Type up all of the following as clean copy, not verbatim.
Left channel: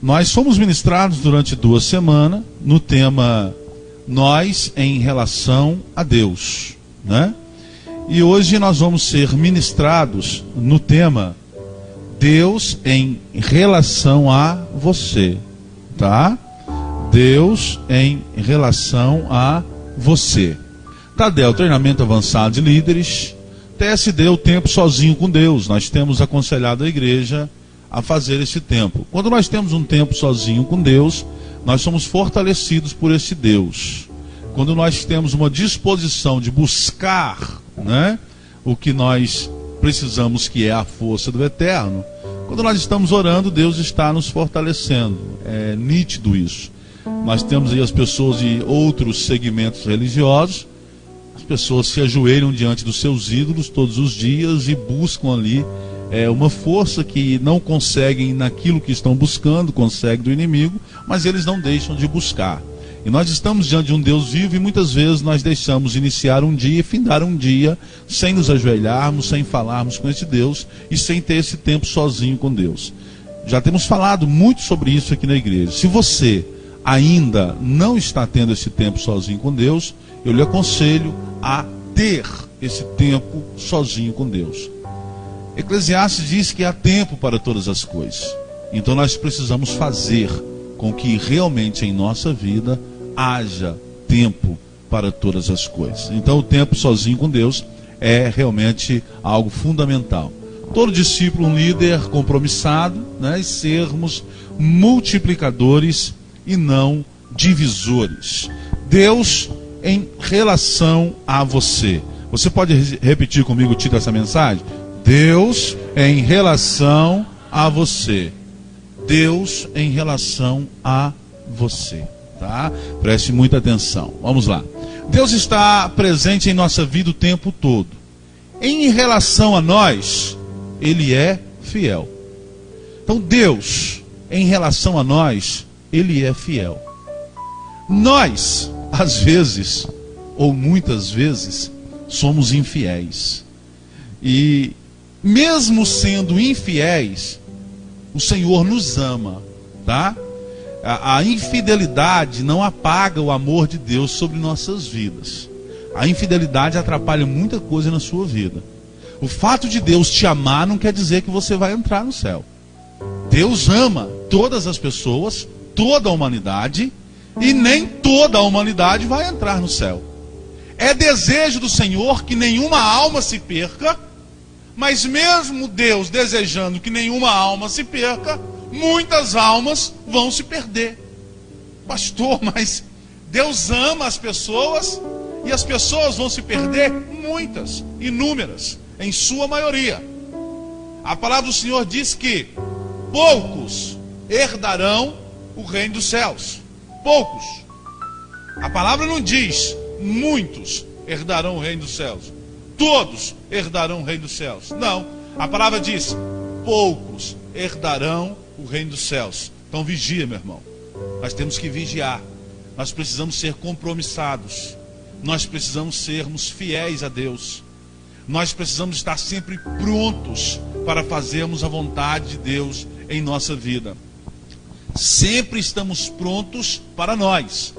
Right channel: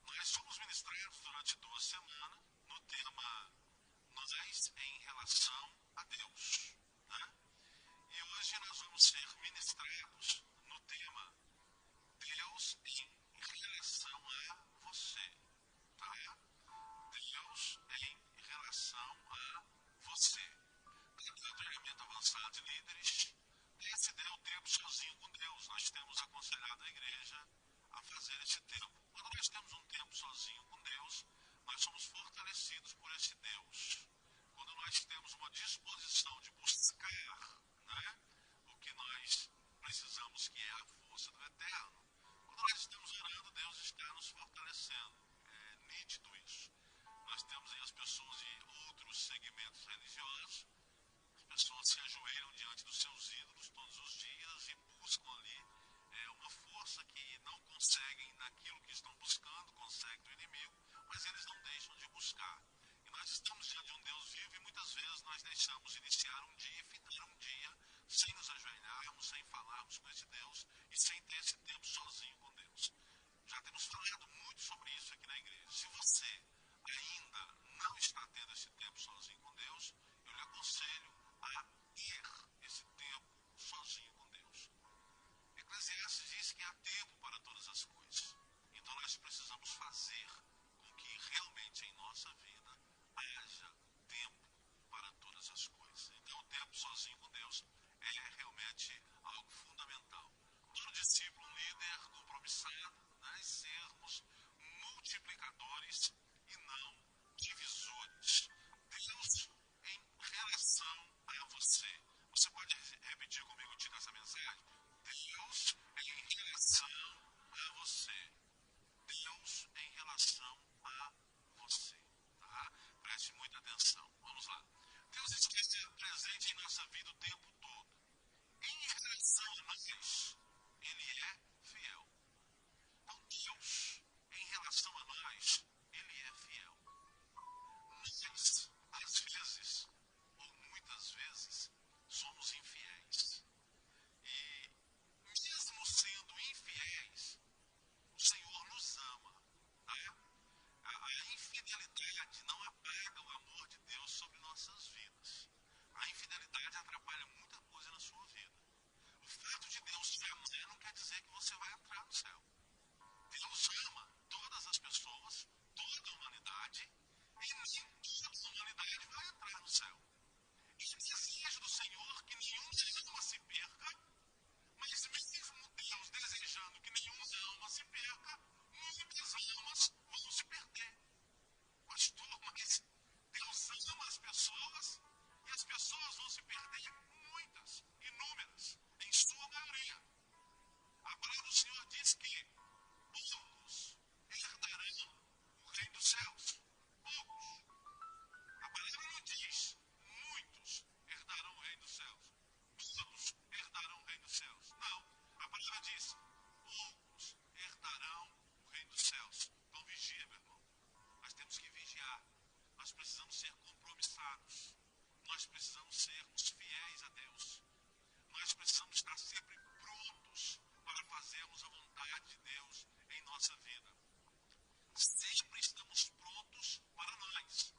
Nós fomos ministrados durante 2 semanas no tema Nós em relação a Deus, né? E hoje nós vamos ser ministrados no tema Deus em relação a você, tá? Deus em relação a você. Tadel, treinamento avançado de líderes. TSD, o tempo sozinho com Deus. Nós temos aconselhado a igreja a fazer esse tempo. Quando nós temos um tempo sozinho com Deus, nós somos fortalecidos por esse Deus. Quando nós temos uma disposição de buscar, né, o que nós precisamos, que é a força do Eterno, quando nós estamos orando, Deus está nos fortalecendo. É nítido isso. Nós temos aí as pessoas de outros segmentos religiosos. As pessoas se ajoelham diante dos seus ídolos todos os dias e buscam ali uma força que não conseguem naquilo que estão buscando, conseguem do inimigo, mas eles não deixam de buscar. E nós estamos diante de um Deus vivo e muitas vezes nós deixamos iniciar um dia e findar um dia sem nos ajoelharmos, sem falarmos com esse Deus e sem ter esse tempo sozinho com Deus. Já temos falado muito sobre isso aqui na igreja. Se você ainda não está tendo esse tempo sozinho com Deus, eu lhe aconselho a ter esse tempo sozinho com Deus. Eclesiastes diz que há tempo para todas as coisas. Então nós precisamos fazer com que realmente em nossa vida haja tempo para todas as coisas. Então o tempo sozinho com Deus é realmente algo fundamental. Todo discípulo, um líder compromissado, né, e sermos multiplicadores e não divisores. Deus em relação a você. Você pode repetir comigo o título dessa mensagem? Deus em relação a você. Deus em relação a você, tá? Preste muita atenção. Vamos lá. Deus está presente em nossa vida o tempo todo. Em relação a nós, Ele é fiel. Então Deus, em relação a nós, Ele é fiel. Nós, às vezes, ou muitas vezes, somos infiéis. E mesmo sendo infiéis, o Senhor nos ama, tá? A infidelidade não apaga o amor de Deus sobre nossas vidas. A infidelidade atrapalha muita coisa na sua vida. O fato de Deus te amar não quer dizer que você vai entrar no céu. Deus ama todas as pessoas, toda a humanidade, e nem toda a humanidade vai entrar no céu. É desejo do Senhor que nenhuma alma se perca, mas mesmo Deus desejando que nenhuma alma se perca, muitas almas vão se perder. Pastor, mas Deus ama as pessoas e as pessoas vão se perder? Muitas, inúmeras, em sua maioria. A palavra do Senhor diz que poucos herdarão o reino dos céus. Poucos. A palavra não diz muitos herdarão o reino dos céus. Todos herdarão o reino dos céus. Não. A palavra diz poucos herdarão o reino dos céus. Então vigia, meu irmão. Nós temos que vigiar. Nós precisamos ser compromissados. Nós precisamos sermos fiéis a Deus. Nós precisamos estar sempre prontos para fazermos a vontade de Deus em nossa vida. Sempre estamos prontos para nós,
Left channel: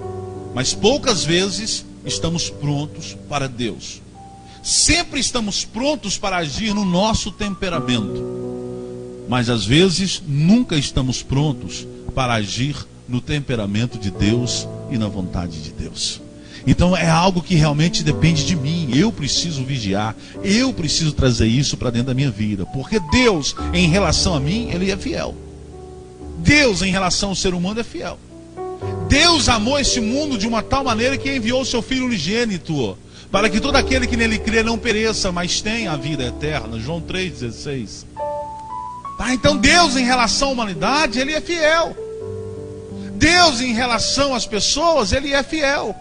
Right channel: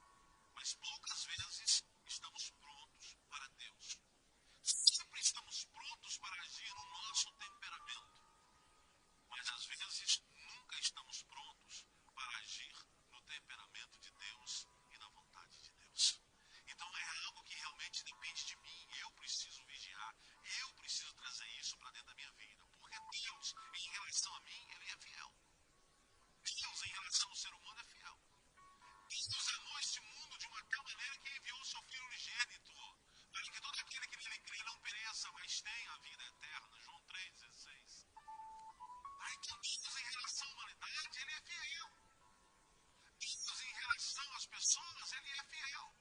mas poucas vezes estamos prontos para Deus. Sempre estamos prontos para agir no nosso temperamento, mas às vezes nunca estamos prontos para agir no temperamento de Deus e na vontade de Deus. Então é algo que realmente depende de mim. Eu preciso vigiar, eu preciso trazer isso para dentro da minha vida, porque Deus em relação a mim, Ele é fiel. Deus em relação ao ser humano é fiel. Deus amou esse mundo de uma tal maneira que enviou o seu Filho unigênito, para que todo aquele que nele crê não pereça, mas tenha a vida eterna. João 3,16. Tá? Então Deus em relação à humanidade, Ele é fiel. Deus em relação às pessoas, Ele é fiel.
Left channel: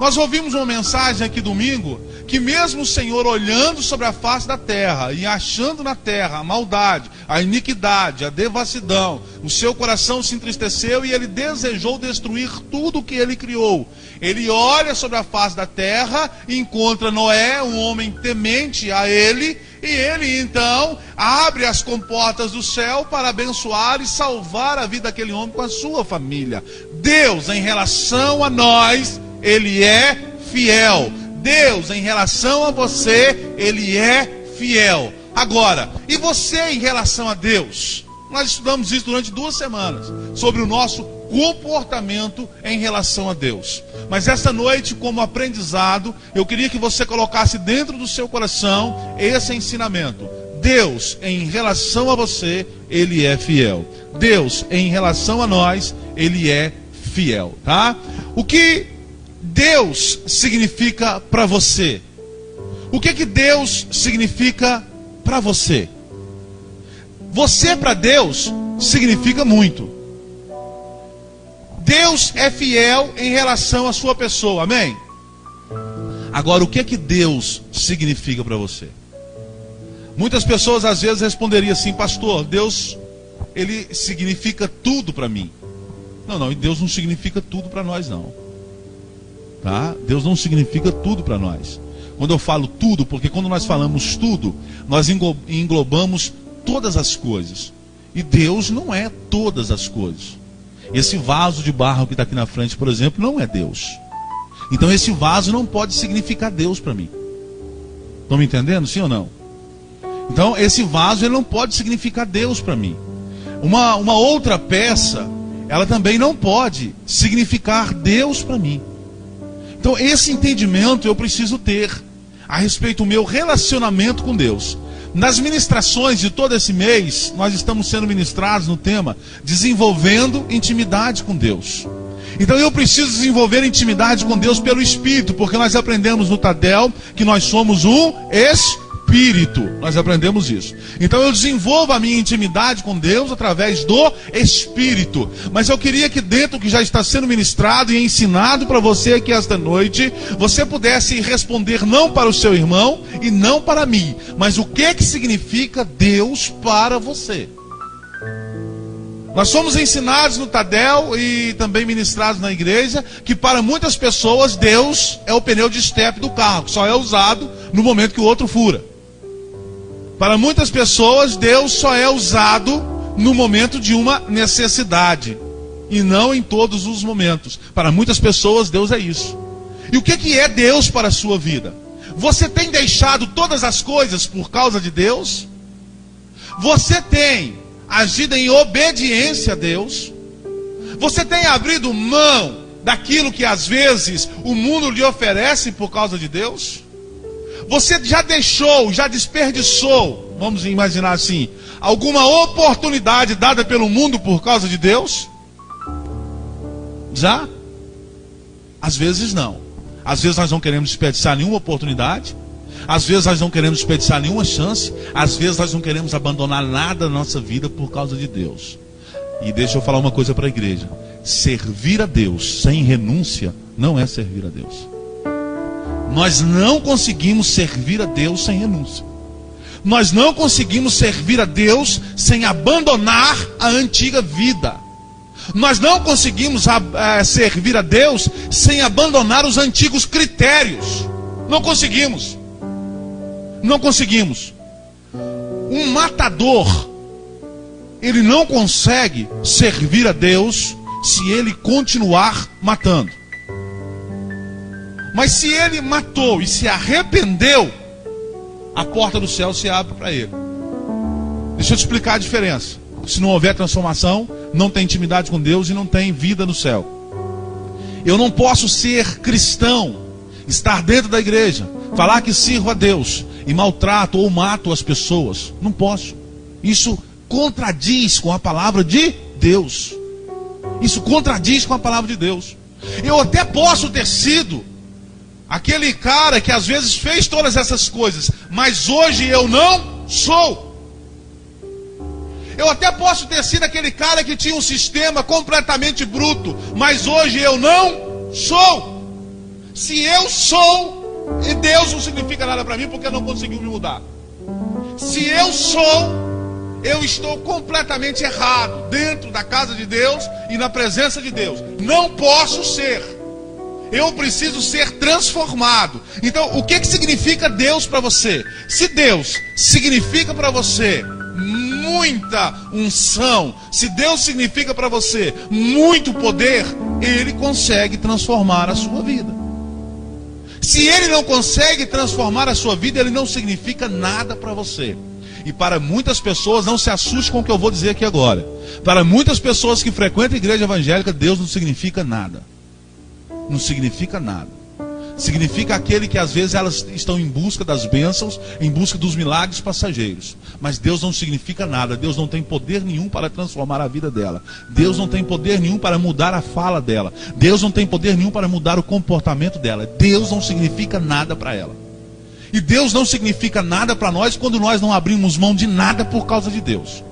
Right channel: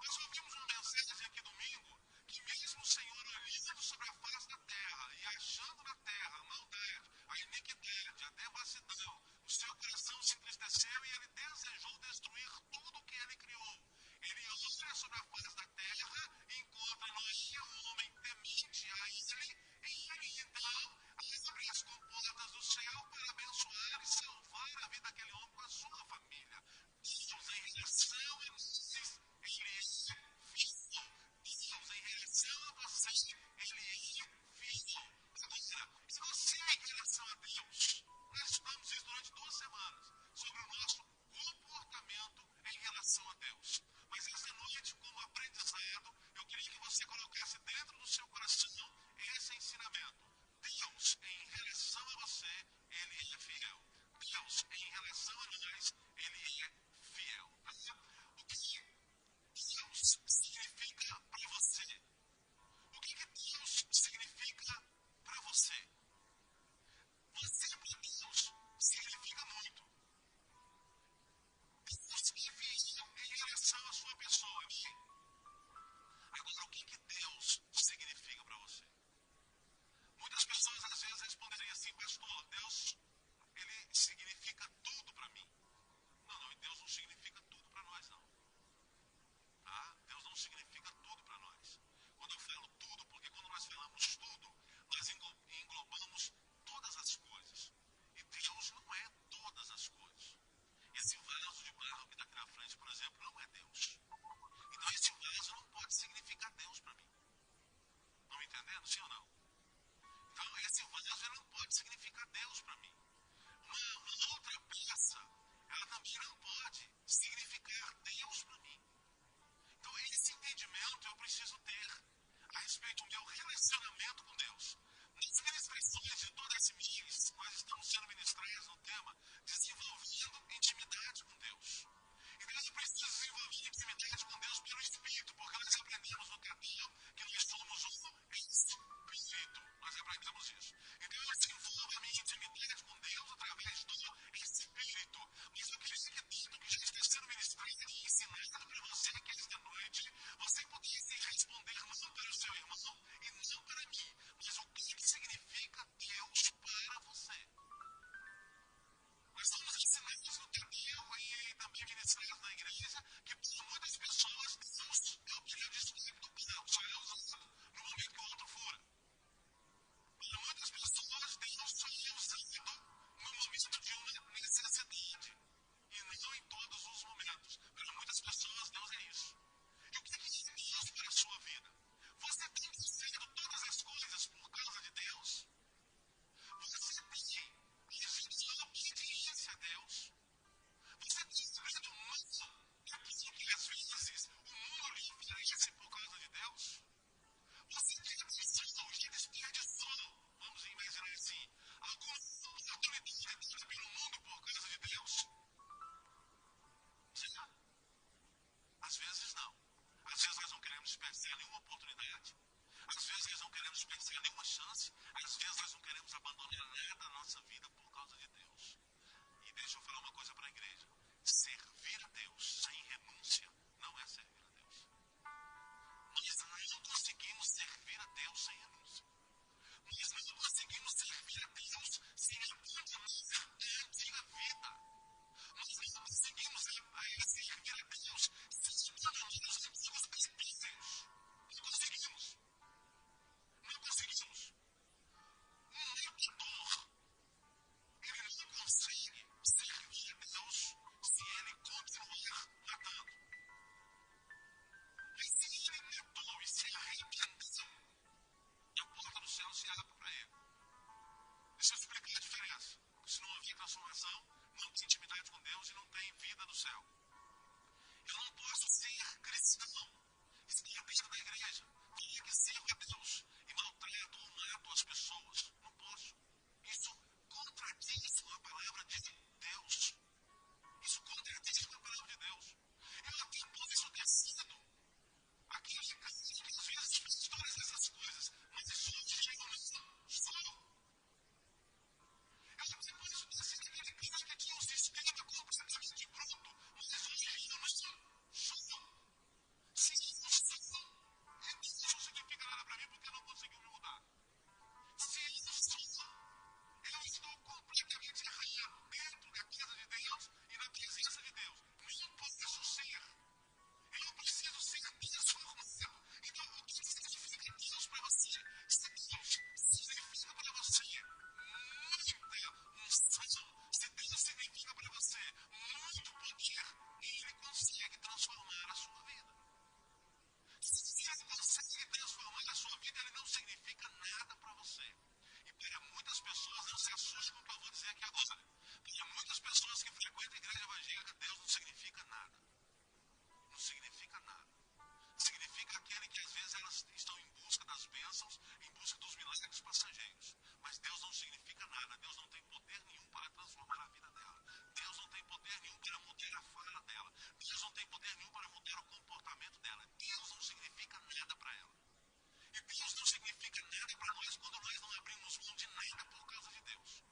Nós ouvimos uma mensagem aqui domingo, que mesmo o Senhor olhando sobre a face da terra e achando na terra a maldade, a iniquidade, a devassidão, o seu coração se entristeceu e ele desejou destruir tudo o que ele criou. Ele olha sobre a face da terra e encontra Noé, um homem temente a ele, e ele então abre as comportas do céu para abençoar e salvar a vida daquele homem com a sua família. Deus, em relação a nós, Ele é fiel. Deus, em relação a você, Ele é fiel. Agora, e você em relação a Deus? Nós estudamos isso durante 2 semanas, sobre o nosso comportamento em relação a Deus. Mas essa noite, como aprendizado, eu queria que você colocasse dentro do seu coração esse ensinamento. Deus, em relação a você, Ele é fiel. Deus, em relação a nós, Ele é fiel, tá? O que Deus significa para você? O que Deus significa para você? Você para Deus significa muito. Deus é fiel em relação à sua pessoa, amém? Agora, o que Deus significa para você? Muitas pessoas às vezes responderiam assim: pastor, Deus, Ele significa tudo para mim. Não, Deus não significa tudo para nós não. Tá? Deus não significa tudo para nós. Quando eu falo tudo, porque quando nós falamos tudo, nós englobamos todas as coisas. E Deus não é todas as coisas. Esse vaso de barro que está aqui na frente, por exemplo, não é Deus. Então esse vaso não pode significar Deus para mim. Estão me entendendo, sim ou não? Então esse vaso ele não pode significar Deus para mim. Uma outra peça, ela também não pode significar Deus para mim. Então esse entendimento eu preciso ter a respeito do meu relacionamento com Deus. Nas ministrações de todo esse mês, nós estamos sendo ministrados no tema desenvolvendo intimidade com Deus. Então eu preciso desenvolver intimidade com Deus pelo Espírito, porque nós aprendemos no Tadel que nós somos um Espírito. Nós aprendemos isso. Então eu desenvolvo a minha intimidade com Deus através do Espírito. Mas eu queria que dentro do que já está sendo ministrado e ensinado para você aqui esta noite, você pudesse responder não para o seu irmão e não para mim, mas o que significa Deus para você. Nós somos ensinados no Tadel e também ministrados na igreja que para muitas pessoas Deus é o pneu de estepe do carro, que só é usado no momento que o outro fura. Para muitas pessoas Deus só é usado no momento de uma necessidade e não em todos os momentos. Para muitas pessoas Deus é isso. E o que é Deus para a sua vida? Você tem deixado todas as coisas por causa de Deus? Você tem agido em obediência a Deus? Você tem abrido mão daquilo que às vezes o mundo lhe oferece por causa de Deus? Você já deixou, já desperdiçou, vamos imaginar assim, alguma oportunidade dada pelo mundo por causa de Deus? Já? Às vezes não. Às vezes nós não queremos desperdiçar nenhuma oportunidade. Às vezes nós não queremos desperdiçar nenhuma chance. Às vezes nós não queremos abandonar nada da nossa vida por causa de Deus. E deixa eu falar uma coisa para a igreja: servir a Deus sem renúncia não é servir a Deus. Nós não conseguimos servir a Deus sem renúncia. Nós não conseguimos servir a Deus sem abandonar a antiga vida. Nós não conseguimos servir a Deus sem abandonar os antigos critérios. Não conseguimos. Não conseguimos. Um matador, ele não consegue servir a Deus se ele continuar matando. Mas se ele matou e se arrependeu, a porta do céu se abre para ele. Deixa eu te explicar a diferença. Se não houver transformação, não tem intimidade com Deus e não tem vida no céu. Eu não posso ser cristão, estar dentro da igreja, falar que sirvo a Deus e maltrato ou mato as pessoas. Não posso. Isso contradiz com a palavra de Deus. Isso contradiz com a palavra de Deus. Eu até posso ter sido aquele cara que às vezes fez todas essas coisas, mas hoje eu não sou. Eu até posso ter sido aquele cara que tinha um sistema completamente bruto, mas hoje eu não sou. Se eu sou, e Deus não significa nada para mim porque não conseguiu me mudar. Se eu sou, eu estou completamente errado dentro da casa de Deus e na presença de Deus. Não posso ser. Eu preciso ser transformado. Então, o que significa Deus para você? Se Deus significa para você muita unção, se Deus significa para você muito poder, Ele consegue transformar a sua vida. Se Ele não consegue transformar a sua vida, Ele não significa nada para você. E para muitas pessoas, não se assuste com o que eu vou dizer aqui agora. Para muitas pessoas que frequentam a igreja evangélica, Deus não significa nada. Não significa nada. Significa aquele que às vezes elas estão em busca das bênçãos, em busca dos milagres passageiros. Mas Deus não significa nada. Deus não tem poder nenhum para transformar a vida dela. Deus não tem poder nenhum para mudar a fala dela. Deus não tem poder nenhum para mudar o comportamento dela. Deus não significa nada para ela. E Deus não significa nada para nós quando nós não abrimos mão de nada por causa de Deus.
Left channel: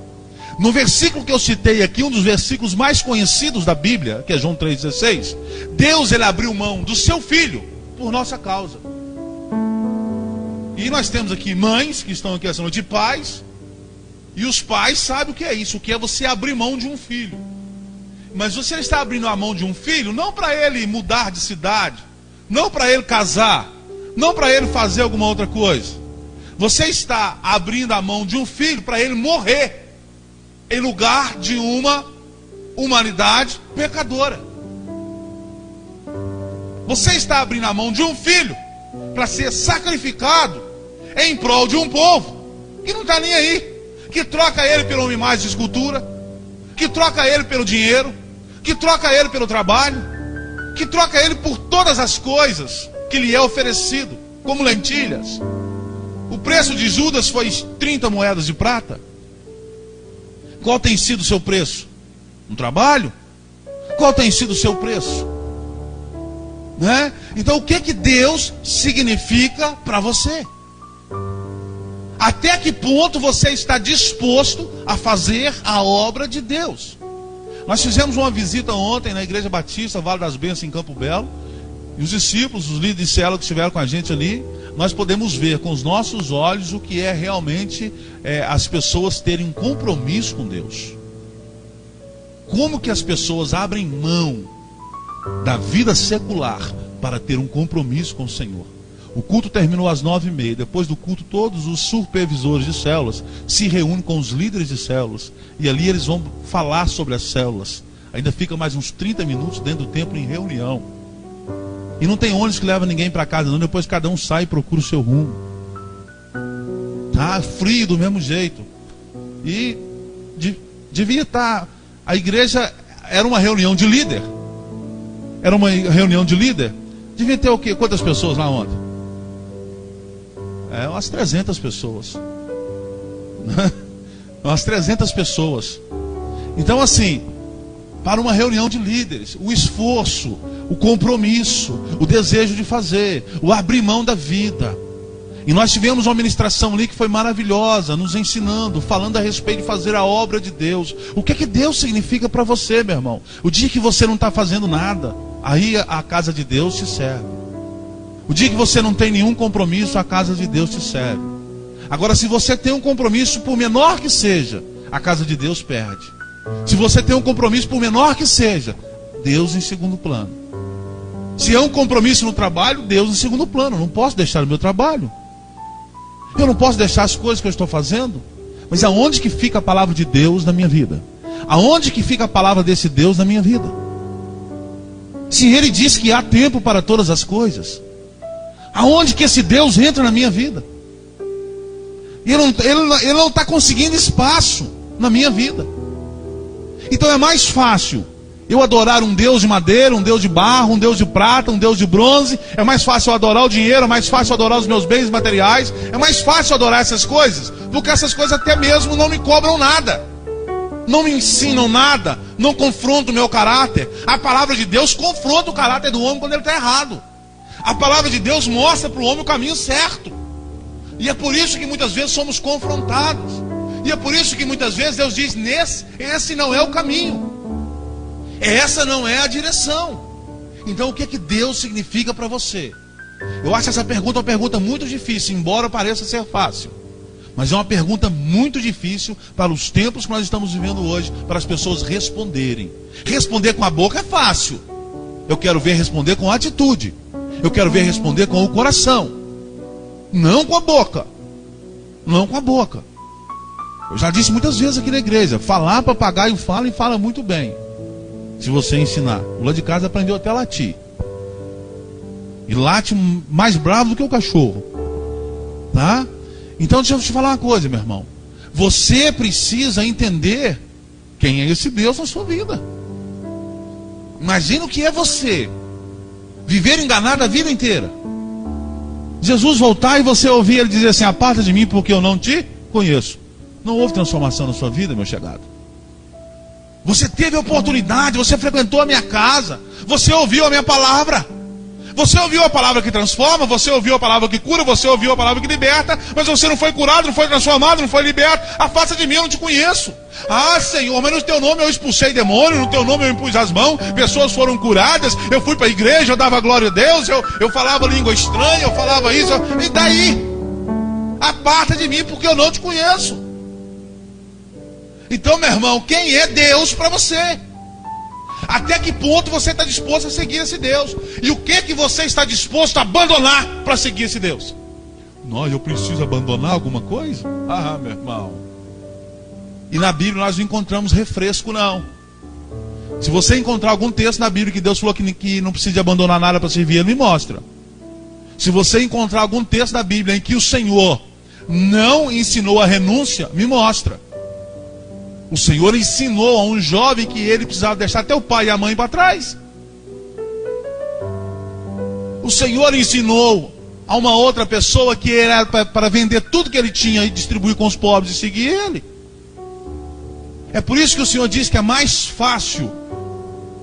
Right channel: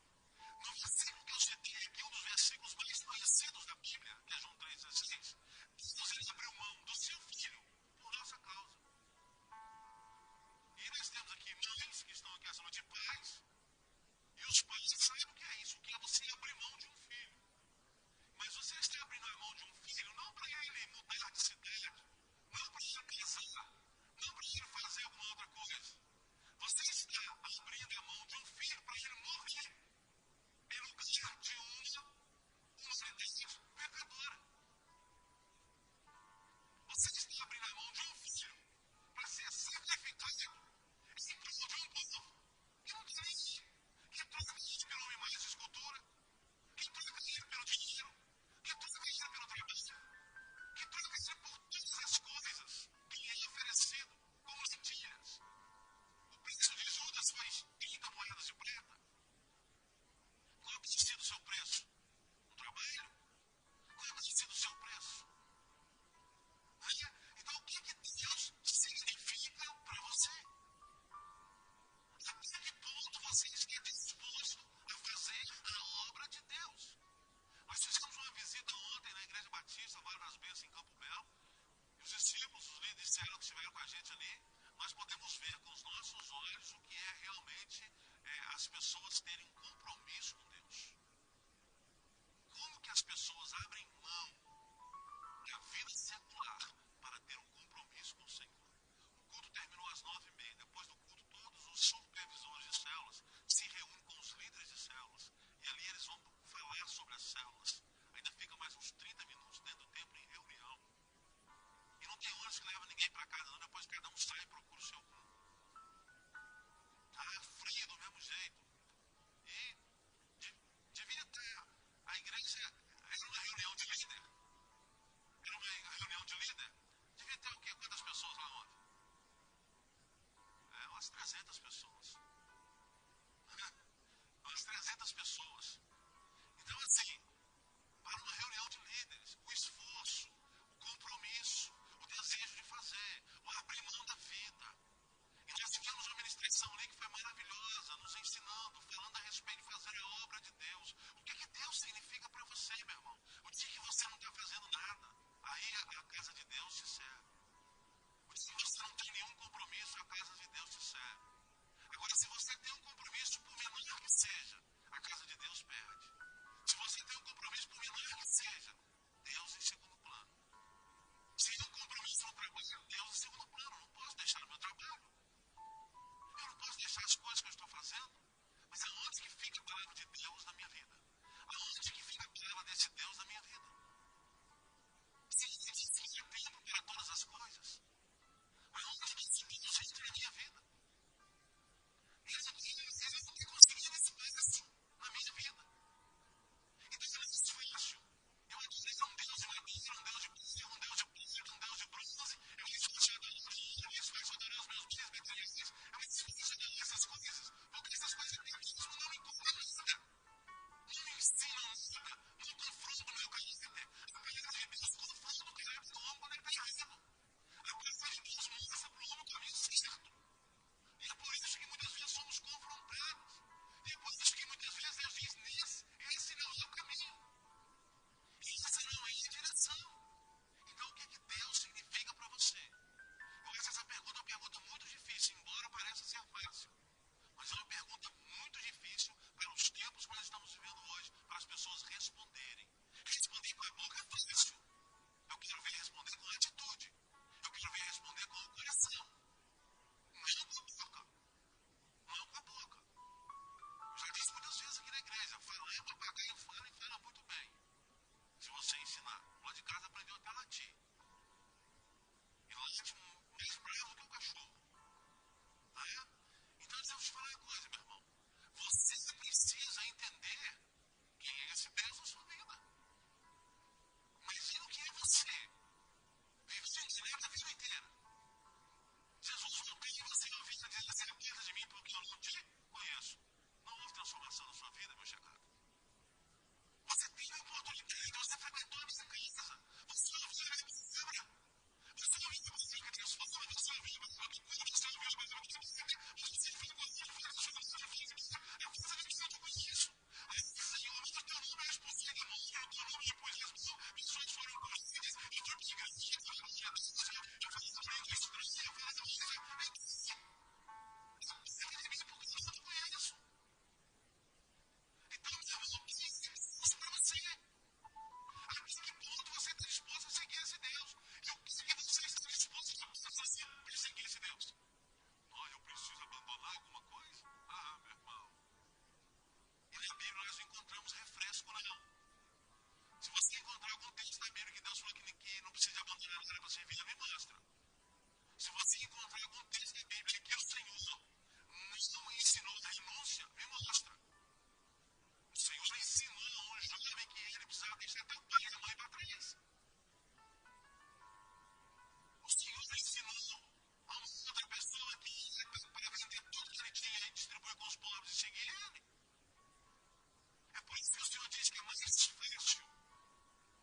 No versículo que eu citei aqui, um dos versículos mais conhecidos da Bíblia, que é João 3,16, Deus, Ele abriu mão do seu Filho por nossa causa. E nós temos aqui mães que estão aqui essa noite, pais, e os pais sabem o que é isso, o que é você abrir mão de um filho. Mas você está abrindo a mão de um filho, não para ele mudar de cidade, não para ele casar, não para ele fazer alguma outra coisa. Você está abrindo a mão de um filho para ele morrer em lugar de uma humanidade pecadora. Você está abrindo a mão de um filho para ser sacrificado em prol de um povo que não está nem aí, que troca ele pela uma imagem de escultura, que troca ele pelo dinheiro, que troca ele pelo trabalho, que troca ele por todas as coisas que lhe é oferecido, como lentilhas. O preço de Judas foi 30 moedas de prata. Qual tem sido o seu preço? Um trabalho? Qual tem sido o seu preço? Né? Então o que Deus significa para você? Até que ponto você está disposto a fazer a obra de Deus? Nós fizemos uma visita ontem na Igreja Batista, Vale das Bênçãos, em Campo Belo. E os discípulos, os líderes de célula que estiveram com a gente ali, nós podemos ver com os nossos olhos o que é realmente as pessoas terem um compromisso com Deus. Como que as pessoas abrem mão da vida secular para ter um compromisso com o Senhor. O culto terminou às 9h30. Depois do culto, todos os supervisores de células se reúnem com os líderes de células. E ali eles vão falar sobre as células. Ainda fica mais uns 30 minutos dentro do templo em reunião. E não tem ônibus que leva ninguém para casa não. Depois cada um sai e procura o seu rumo. Tá frio do mesmo jeito. E devia estar... A igreja era uma reunião de líder. Era uma reunião de líder. Devia ter o quê? Quantas pessoas lá ontem? Umas 300 pessoas. Umas 300 pessoas. Então assim, para uma reunião de líderes, o esforço, o compromisso, o desejo de fazer, o abrir mão da vida. E nós tivemos uma ministração ali que foi maravilhosa, nos ensinando, falando a respeito de fazer a obra de Deus. O que é que Deus significa para você, meu irmão? O dia que você não está fazendo nada, aí a casa de Deus te serve. O dia que você não tem nenhum compromisso, a casa de Deus te serve. Agora, se você tem um compromisso, por menor que seja, a casa de Deus perde. Se você tem um compromisso, por menor que seja, Deus em segundo plano. Se é um compromisso no trabalho, Deus em segundo plano. Eu não posso deixar o meu trabalho. Eu não posso deixar as coisas que eu estou fazendo. Mas aonde que fica a palavra de Deus na minha vida? Aonde que fica a palavra desse Deus na minha vida? Se Ele diz que há tempo para todas as coisas, aonde que esse Deus entra na minha vida? Ele não está conseguindo espaço na minha vida. Então é mais fácil eu adorar um Deus de madeira, um Deus de barro, um Deus de prata, um Deus de bronze. É mais fácil eu adorar o dinheiro, é mais fácil eu adorar os meus bens materiais. É mais fácil eu adorar essas coisas, porque essas coisas até mesmo não me cobram nada, não me ensinam nada, não confrontam o meu caráter. A palavra de Deus confronta o caráter do homem quando ele está errado. A palavra de Deus mostra para o homem o caminho certo. E é por isso que muitas vezes somos confrontados. E é por isso que muitas vezes Deus diz: esse não é o caminho. Essa não é a direção. Então o que que Deus significa para você? Eu acho essa pergunta uma pergunta muito difícil, embora pareça ser fácil. Mas é uma pergunta muito difícil para os tempos que nós estamos vivendo hoje, para as pessoas responderem. Responder com a boca é fácil. Eu quero ver responder com atitude. Eu quero ver responder com o coração. Não com a boca. Não com a boca. Eu já disse muitas vezes aqui na igreja, falar papagaio fala e fala muito bem. Se você ensinar. O lá de casa aprendeu até a latir. E late mais bravo do que o cachorro. Tá? Então deixa eu te falar uma coisa, meu irmão. Você precisa entender quem é esse Deus na sua vida. Imagina o que é você viver enganado a vida inteira. Jesus voltar e você ouvir ele dizer assim: aparta de mim porque eu não te conheço. Não houve transformação na sua vida, meu chegado. Você teve a oportunidade, você frequentou a minha casa, você ouviu a minha palavra. Você ouviu a palavra que transforma, você ouviu a palavra que cura, você ouviu a palavra que liberta, mas você não foi curado, não foi transformado, não foi liberto. Afasta de mim, eu não te conheço. Ah, Senhor, mas no teu nome eu expulsei demônio, no teu nome eu impus as mãos, pessoas foram curadas, eu fui para a igreja, eu dava glória a Deus, eu falava língua estranha, eu falava isso, e daí? Aparta de mim porque eu não te conheço. Então, meu irmão, quem é Deus para você? Até que ponto você está disposto a seguir esse Deus? E o que você está disposto a abandonar para seguir esse Deus? Não, eu preciso abandonar alguma coisa? Ah, meu irmão. E na Bíblia nós não encontramos refresco, não. Se você encontrar algum texto na Bíblia que Deus falou que não precisa de abandonar nada para servir, Ele me mostra. Se você encontrar algum texto da Bíblia em que o Senhor não ensinou a renúncia, me mostra. O Senhor ensinou a um jovem que ele precisava deixar até o pai e a mãe para trás. O Senhor ensinou a uma outra pessoa que era para vender tudo que ele tinha e distribuir com os pobres e seguir ele. É por isso que o Senhor diz que é mais fácil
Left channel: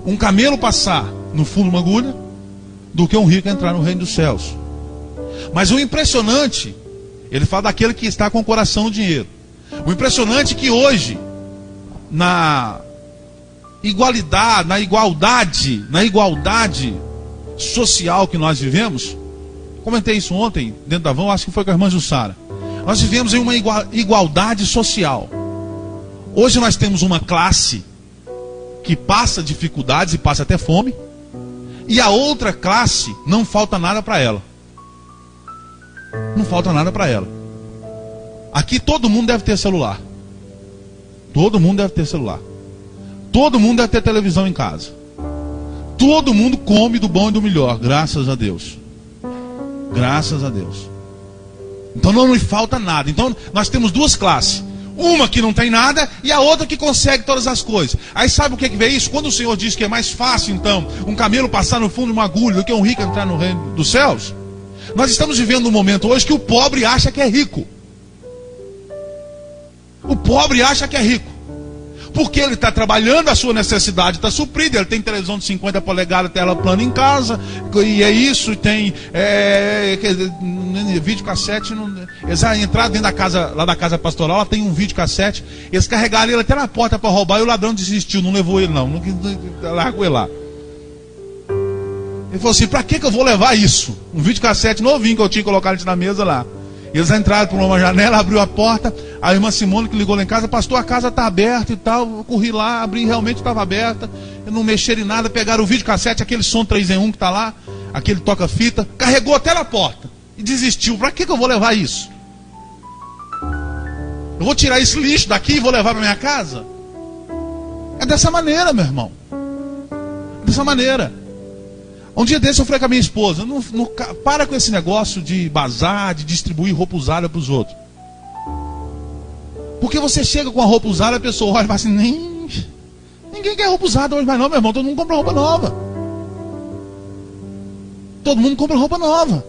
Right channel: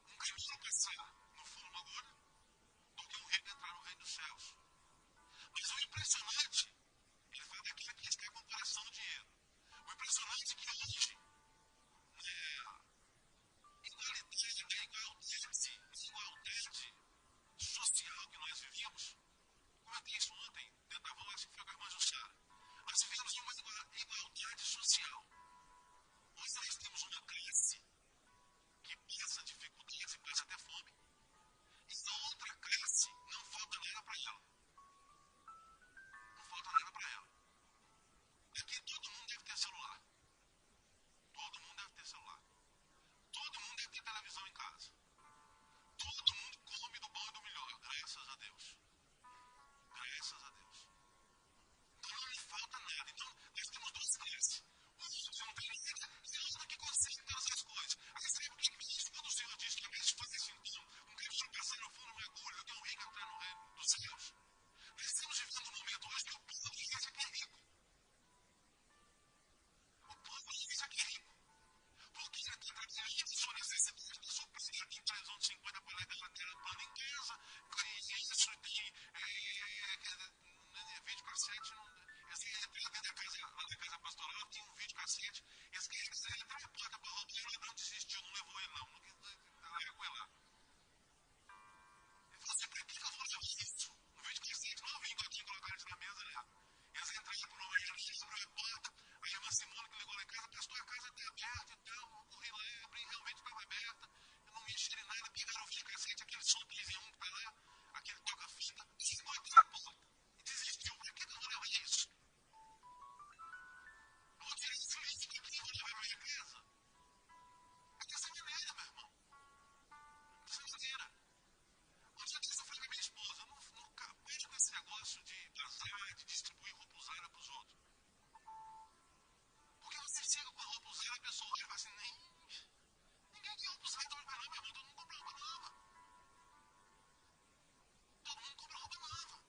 um camelo passar no fundo de uma agulha do que um rico entrar no reino dos céus. Mas o impressionante, ele fala daquele que está com o coração no dinheiro. O impressionante é que hoje, na igualdade social que nós vivemos, comentei isso ontem dentro da van, acho que foi com a irmã Jussara. Nós vivemos em uma igualdade social. Hoje nós temos uma classe que passa dificuldades e passa até fome, e a outra classe não falta nada para ela. Não falta nada para ela. Aqui todo mundo deve ter celular. Todo mundo deve ter celular. Todo mundo deve ter televisão em casa. Todo mundo come do bom e do melhor, graças a Deus. Graças a Deus. Então não nos falta nada. Então nós temos duas classes. Uma que não tem nada e a outra que consegue todas as coisas. Aí sabe o que vê isso? Quando o Senhor diz que é mais fácil, então, um camelo passar no fundo de uma agulha do que um rico entrar no reino dos céus, nós estamos vivendo um momento hoje que o pobre acha que é rico. O pobre acha que é rico. Porque ele está trabalhando, a sua necessidade está suprida. Ele tem televisão de 50 polegadas, tela plana em casa. E é isso, tem videocassete. Eles vão entrar dentro da casa, lá da casa pastoral, lá tem um videocassete. Eles carregaram ele até na porta para roubar e o ladrão desistiu, não levou ele não. Largou ele lá. Ele falou assim: para que eu vou levar isso? Um videocassete novinho que eu tinha colocado na mesa lá. Eles entraram por uma janela, abriu a porta. A irmã Simone que ligou lá em casa: pastor, a casa está aberta e tal. Eu corri lá, abri, realmente estava aberta. Eu não mexeram em nada, pegaram o videocassete, aquele som 3 em 1 que está lá, aquele toca-fita, carregou até na porta e desistiu. Para que eu vou levar isso? Eu vou tirar esse lixo daqui e vou levar para minha casa? É dessa maneira, meu irmão. Dessa maneira. Um dia desse eu falei com a minha esposa: para com esse negócio de bazar, de distribuir roupa usada para os outros. Porque você chega com a roupa usada, a pessoa olha e fala assim: ninguém quer roupa usada hoje mais não, meu irmão. Todo mundo compra roupa nova. Todo mundo compra roupa nova.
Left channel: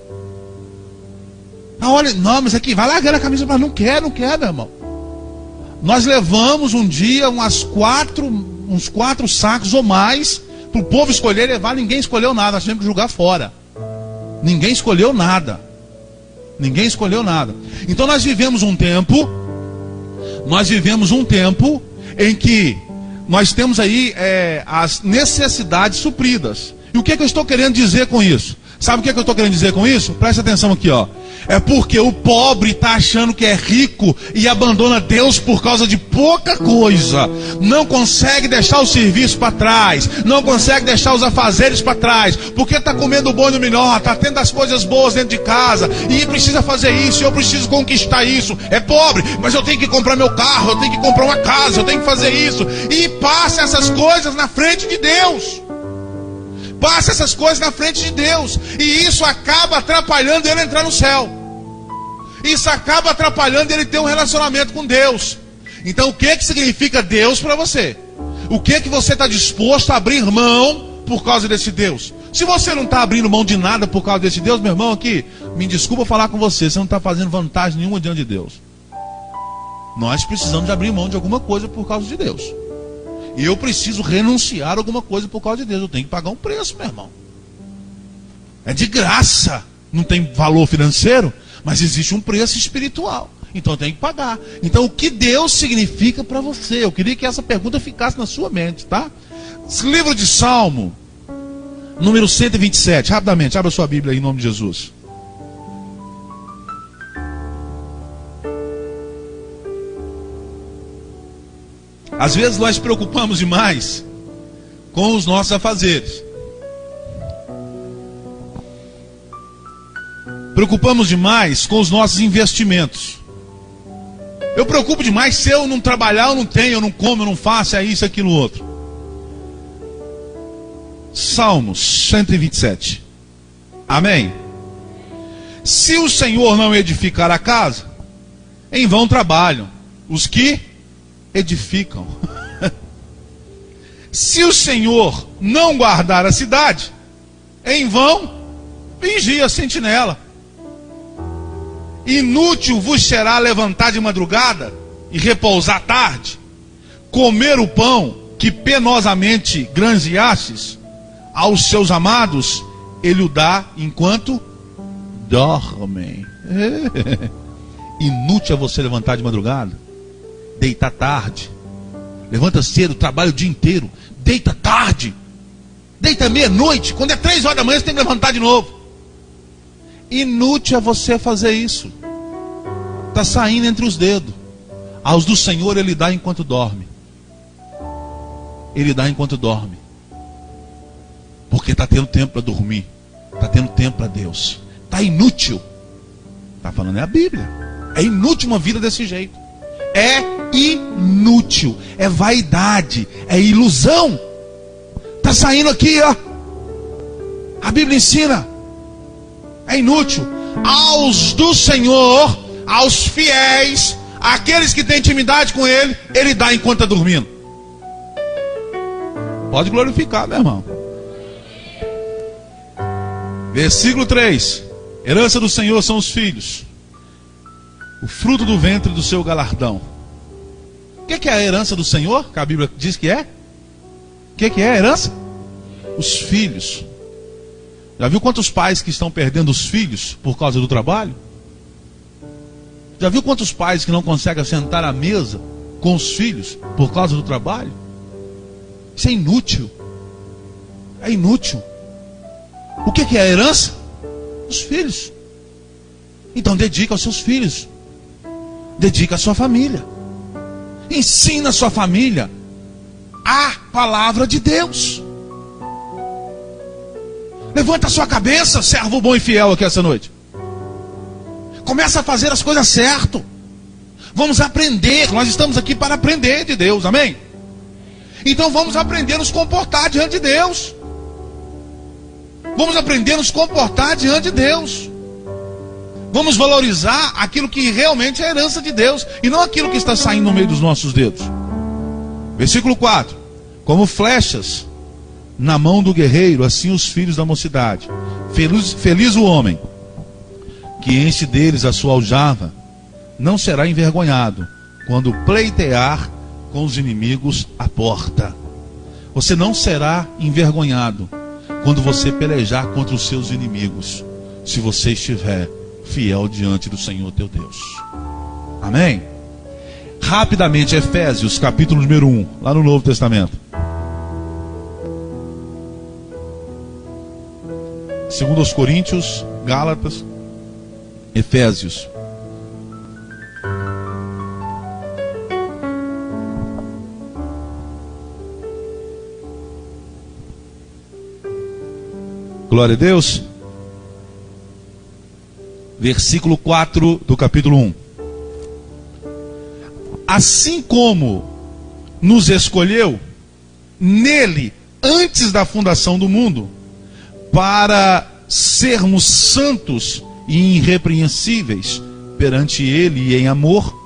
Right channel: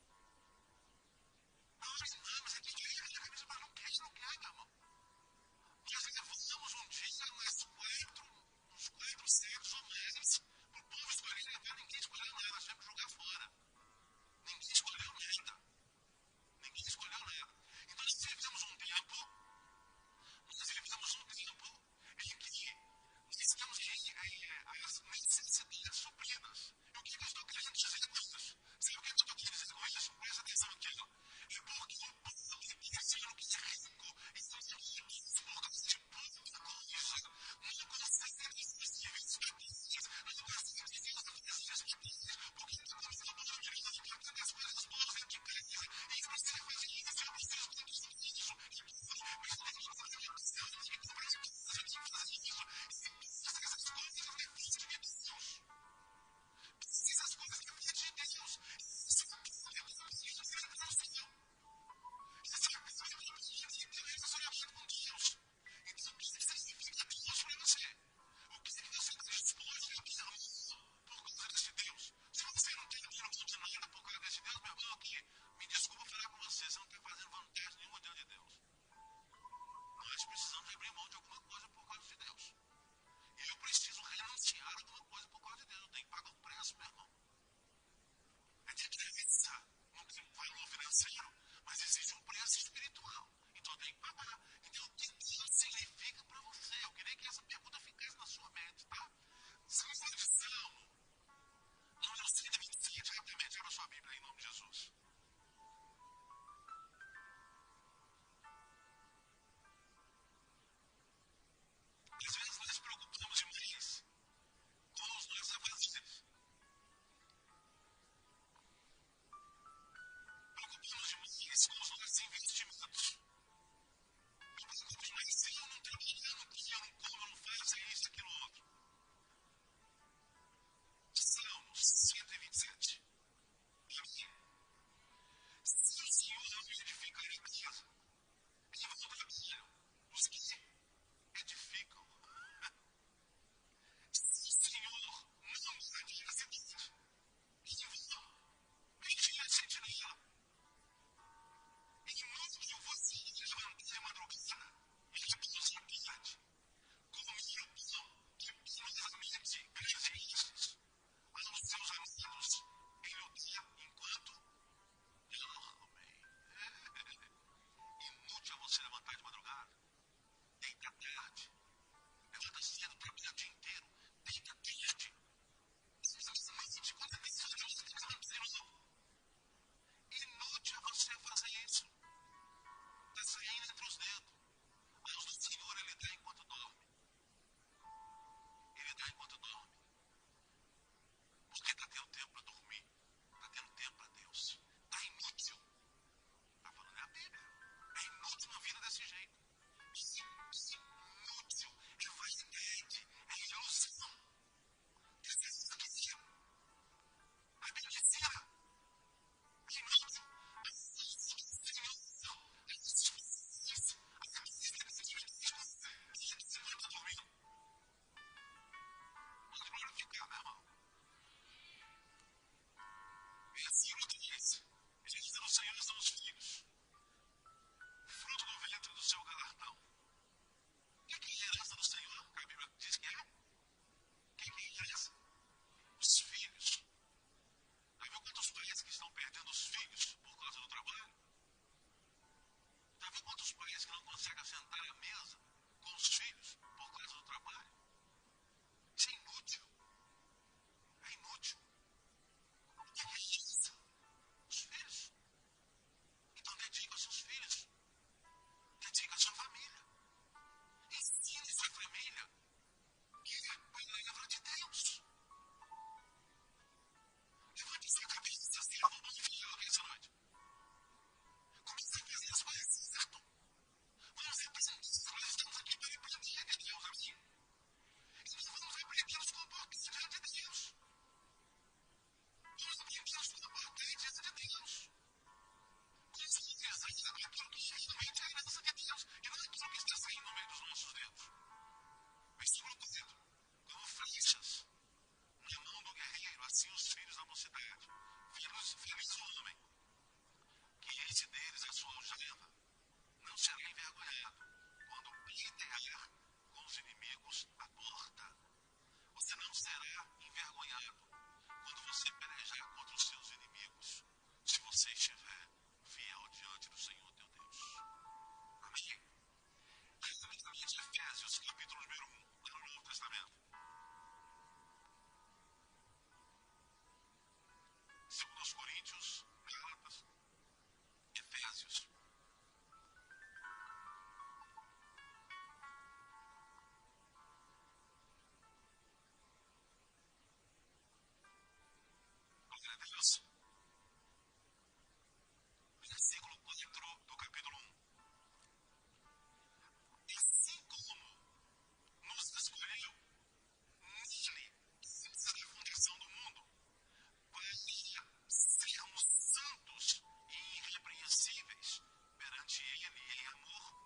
Ah, olha, não, mas aqui, vai largar a camisa para não quer, meu irmão. Nós levamos um dia uns 4 sacos ou mais para o povo escolher levar. Ninguém escolheu nada, nós tivemos que jogar fora. Ninguém escolheu nada. Ninguém escolheu nada. Então nós vivemos um tempo em que nós temos aí as necessidades supridas. E o que é que eu estou querendo dizer com isso? Sabe o que é que eu estou querendo dizer com isso? Presta atenção aqui, ó. É porque o pobre está achando que é rico e abandona Deus por causa de pouca coisa. Não consegue deixar o serviço para trás. Não consegue deixar os afazeres para trás. Porque está comendo o bom e do melhor. Está tendo as coisas boas dentro de casa. E precisa fazer isso. Eu preciso conquistar isso. É pobre, mas eu tenho que comprar meu carro. Eu tenho que comprar uma casa. Eu tenho que fazer isso. E passa essas coisas na frente de Deus. Passa essas coisas na frente de Deus. E isso acaba atrapalhando ele entrar no céu. Isso acaba atrapalhando ele ter um relacionamento com Deus. Então o que significa Deus para você? O que você está disposto a abrir mão por causa desse Deus? Se você não está abrindo mão de nada por causa desse Deus, meu irmão, aqui, me desculpa falar com você, você não está fazendo vantagem nenhuma diante de Deus. Nós precisamos de abrir mão de alguma coisa por causa de Deus. E eu preciso renunciar a alguma coisa por causa de Deus. Eu tenho que pagar um preço, meu irmão. É de graça. Não tem valor financeiro, mas existe um preço espiritual. Então eu tenho que pagar. Então o que Deus significa para você? Eu queria que essa pergunta ficasse na sua mente, tá? Esse livro de Salmo, número 127. Rapidamente, abra sua Bíblia aí em nome de Jesus. Às vezes nós preocupamos demais com os nossos afazeres. Preocupamos demais com os nossos investimentos. Eu preocupo demais se eu não trabalhar, eu não tenho, eu não como, eu não faço, é isso, aquilo, outro. Salmos 127. Amém? Se o Senhor não edificar a casa, em vão trabalham os que edificam. Se o Senhor não guardar a cidade, em vão vigia a sentinela. Inútil vos será levantar de madrugada e repousar tarde, comer o pão que penosamente granjeastes, aos seus amados ele o dá enquanto dormem. Inútil é você levantar de madrugada, deitar tarde, levanta cedo, trabalha o dia inteiro, deita tarde, deita meia-noite, quando é 3 horas da manhã você tem que levantar de novo. Inútil é você fazer isso. Está saindo entre os dedos. Aos do Senhor ele dá enquanto dorme. Ele dá enquanto dorme. Porque está tendo tempo para dormir. Está tendo tempo para Deus. Está inútil. Está falando é a Bíblia. É inútil uma vida desse jeito. É inútil. É vaidade. É ilusão. Está saindo aqui, ó. A Bíblia ensina. É inútil. Aos do Senhor, aos fiéis, aqueles que têm intimidade com Ele, Ele dá enquanto está dormindo. Pode glorificar, meu irmão. Versículo 3. Herança do Senhor são os filhos, o fruto do ventre do seu galardão. O que é a herança do Senhor? Que a Bíblia diz que é? O que é a herança? Os filhos. Já viu quantos pais que estão perdendo os filhos por causa do trabalho? Já viu quantos pais que não conseguem sentar à mesa com os filhos por causa do trabalho? Isso é inútil. É inútil. O que é a herança? Os filhos. Então dedica aos seus filhos. Dedica à sua família. Ensina a sua família a palavra de Deus. Levanta a sua cabeça, servo bom e fiel aqui essa noite. Começa a fazer as coisas certo. Vamos aprender. Nós estamos aqui para aprender de Deus, amém? Então vamos aprender a nos comportar diante de Deus. Vamos aprender a nos comportar diante de Deus. Vamos valorizar aquilo que realmente é a herança de Deus, e não aquilo que está saindo no meio dos nossos dedos. Versículo 4. Como flechas na mão do guerreiro, assim os filhos da mocidade. Feliz o homem que enche deles a sua aljava, não será envergonhado quando pleitear com os inimigos à porta. Você não será envergonhado quando você pelejar contra os seus inimigos, se você estiver fiel diante do Senhor teu Deus. Amém? Rapidamente, Efésios, capítulo número 1, lá no Novo Testamento. Segundo aos Coríntios, Gálatas, Efésios. Glória a Deus. Versículo 4 do capítulo 1. Assim como nos escolheu nele antes da fundação do mundo, para sermos santos e irrepreensíveis perante ele e em amor,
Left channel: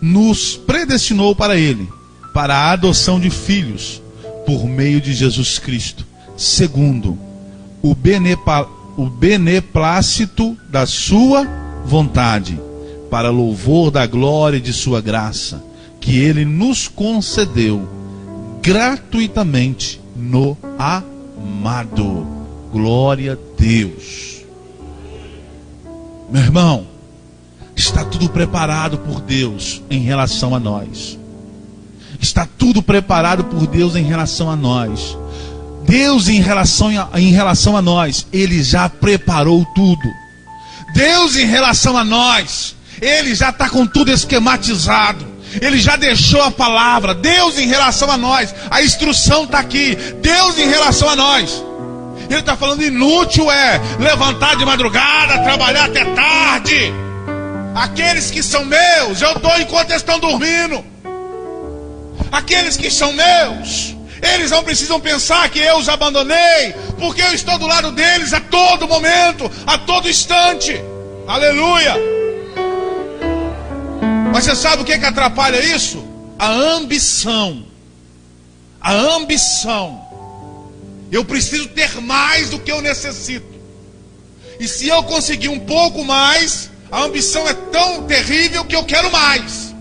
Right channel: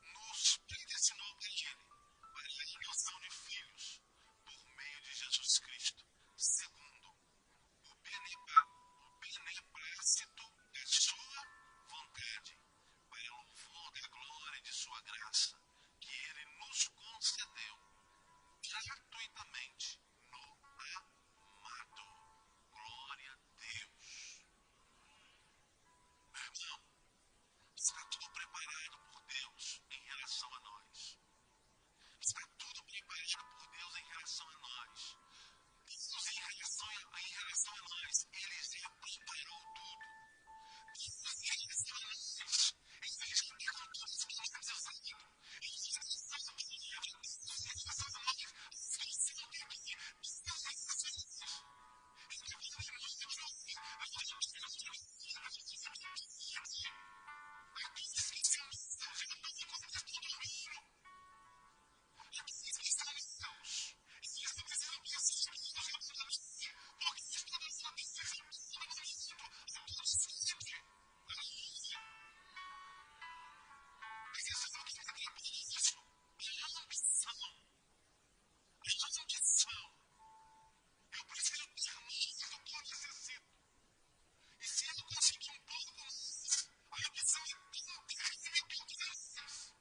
nos predestinou para ele, para a adoção de filhos, por meio de Jesus Cristo, segundo o beneplácito da sua vontade, para louvor da glória de sua graça, que ele nos concedeu gratuitamente no amado. Glória a Deus. Meu irmão, está tudo preparado por Deus em relação a nós. Está tudo preparado por Deus em relação a nós. Deus em relação a nós, Ele já preparou tudo. Deus em relação a nós, Ele já está com tudo esquematizado. Ele já deixou a palavra. Deus em relação a nós, a instrução está aqui. Deus em relação a nós. Ele está falando inútil é levantar de madrugada, trabalhar até tarde. Aqueles que são meus, eu dou enquanto eles estão dormindo. Aqueles que são meus, eles não precisam pensar que eu os abandonei, porque eu estou do lado deles a todo momento, a todo instante. Aleluia. Mas você sabe o que atrapalha isso? A ambição. A ambição. Eu preciso ter mais do que eu necessito. E se eu conseguir um pouco mais, a ambição é tão terrível que eu quero mais.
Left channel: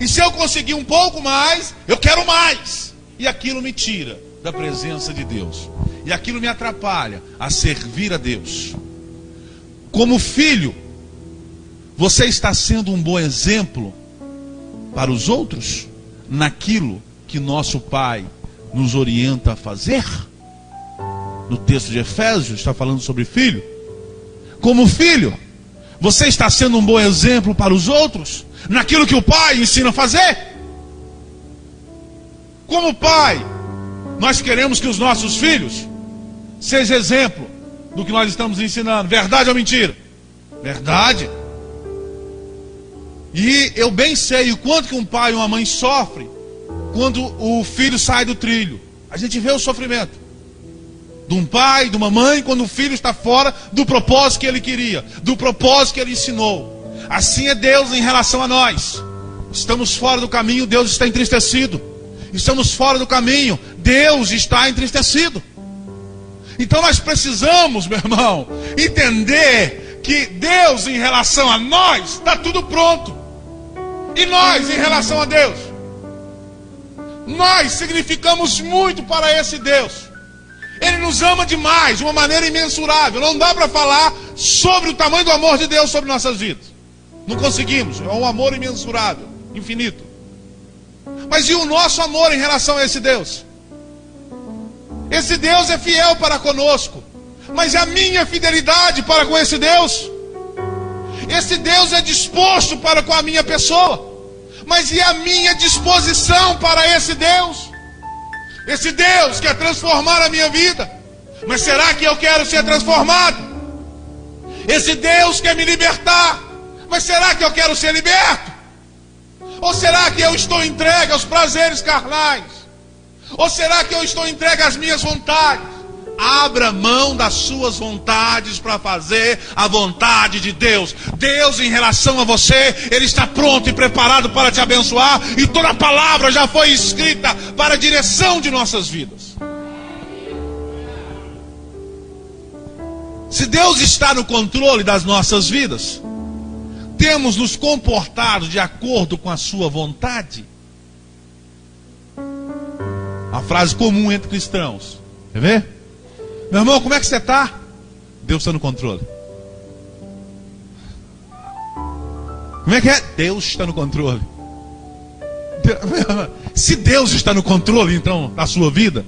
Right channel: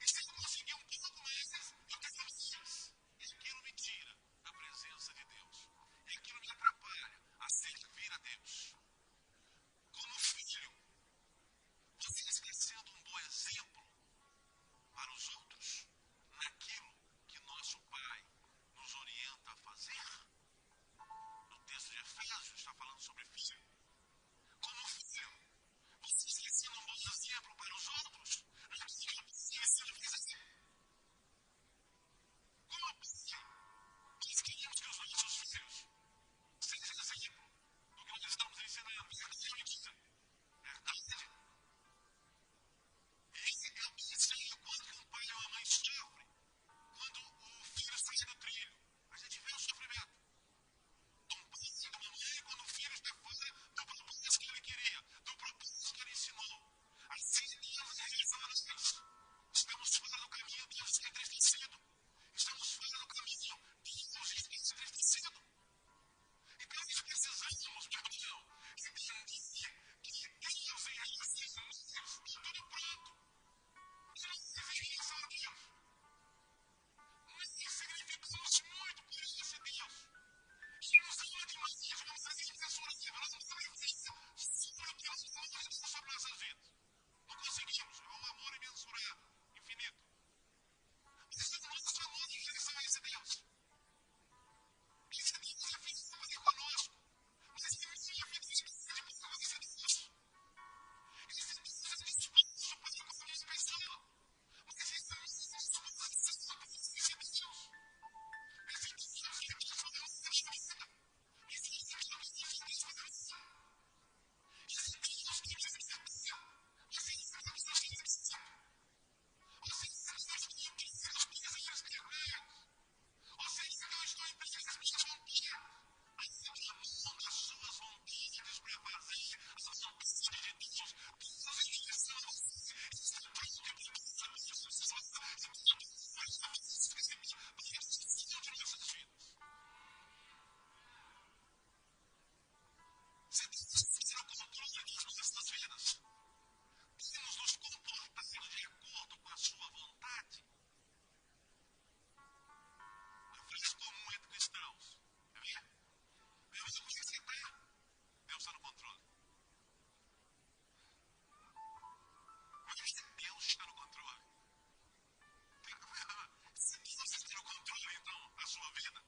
E se eu conseguir um pouco mais, eu quero mais. E aquilo me tira da presença de Deus. E aquilo me atrapalha a servir a Deus. Como filho, você está sendo um bom exemplo para os outros naquilo que nosso Pai nos orienta a fazer? No texto de Efésios está falando sobre filho. Como filho, você está sendo um bom exemplo para os outros naquilo que o Pai ensina a fazer? Como pai, nós queremos que os nossos filhos sejam exemplo do que nós estamos ensinando. Verdade ou mentira? Verdade. E eu bem sei o quanto que um pai e uma mãe sofrem quando o filho sai do trilho. A gente vê o sofrimento de um pai, de uma mãe, quando o filho está fora do propósito que ele queria, do propósito que ele ensinou. Assim é Deus em relação a nós. Estamos fora do caminho, Deus está entristecido. Estamos fora do caminho, Deus está entristecido. Então nós precisamos, meu irmão, entender que Deus em relação a nós está tudo pronto. E nós em relação a Deus, nós significamos muito para esse Deus. Ele nos ama demais, de uma maneira imensurável. Não dá para falar sobre o tamanho do amor de Deus sobre nossas vidas. Não conseguimos, é um amor imensurável, infinito. Mas e o nosso amor em relação a esse Deus? Esse Deus é fiel para conosco. Mas e a minha fidelidade para com esse Deus? Esse Deus é disposto para com a minha pessoa. Mas e a minha disposição para esse Deus? Esse Deus quer transformar a minha vida. Mas será que eu quero ser transformado? Esse Deus quer me libertar. Mas será que eu quero ser liberto? Ou será que eu estou entregue aos prazeres carnais? Ou será que eu estou entregue às minhas vontades? Abra mão das suas vontades para fazer a vontade de Deus. Deus em relação a você, Ele está pronto e preparado para te abençoar. E toda a palavra já foi escrita para a direção de nossas vidas. Se Deus está no controle das nossas vidas, temos nos comportado de acordo com a sua vontade? A frase comum entre cristãos. Quer ver? Meu irmão, como é que você está? Deus está no controle. Como é que é? Deus está no controle. Se Deus está no controle, então, da sua vida,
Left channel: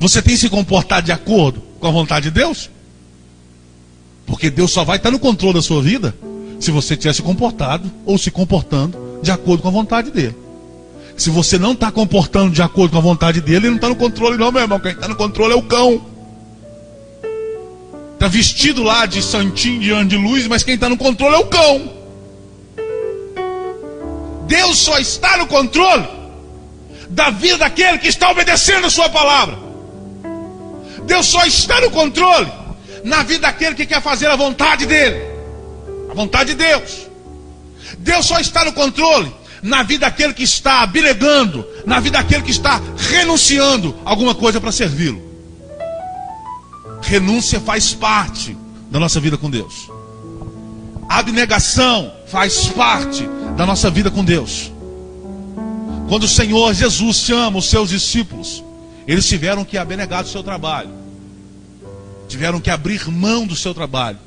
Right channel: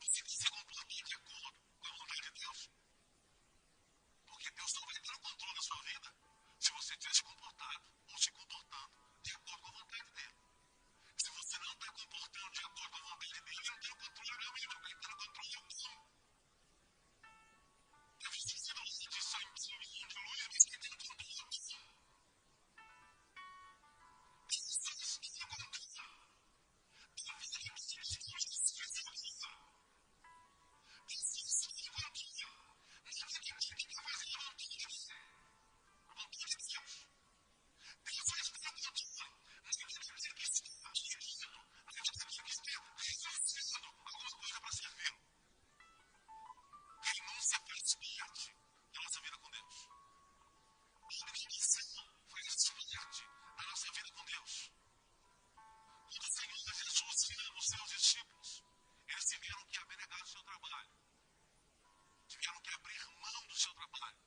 você tem se comportado de acordo com a vontade de Deus? Porque Deus só vai estar no controle da sua vida se você estiver se comportado ou se comportando de acordo com a vontade dele. Se você não está comportando de acordo com a vontade dele, ele não está no controle não, meu irmão. Quem está no controle é o cão. Está vestido lá de santinho, de anjo de luz, mas quem está no controle é o cão. Deus só está no controle da vida daquele que está obedecendo a sua palavra. Deus só está no controle na vida daquele que quer fazer a vontade dele, a vontade de Deus. Deus só está no controle na vida daquele que está abnegando, na vida daquele que está renunciando a alguma coisa para servi-lo. Renúncia faz parte da nossa vida com Deus. Abnegação faz parte da nossa vida com Deus. Quando o Senhor Jesus chama os seus discípulos, eles tiveram que abnegar do seu trabalho, tiveram que abrir mão do seu trabalho.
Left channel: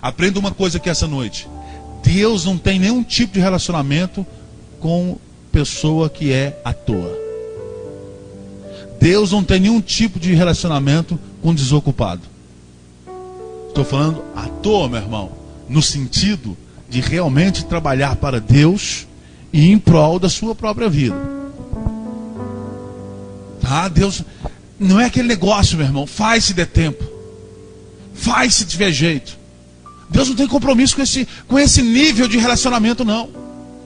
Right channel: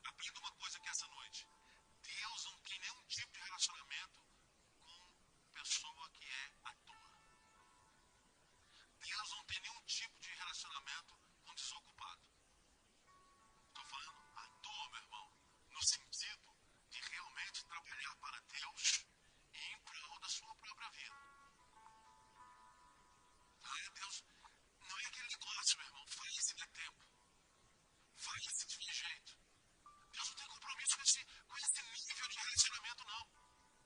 Aprenda uma coisa aqui essa noite: Deus não tem nenhum tipo de relacionamento com pessoa que é à toa. Deus não tem nenhum tipo de relacionamento com desocupado. Estou falando à toa, meu irmão, no sentido de realmente trabalhar para Deus e em prol da sua própria vida. Tá? Deus não é aquele negócio, meu irmão, faz se der tempo, faz se tiver jeito. Deus não tem compromisso com esse nível de relacionamento, não.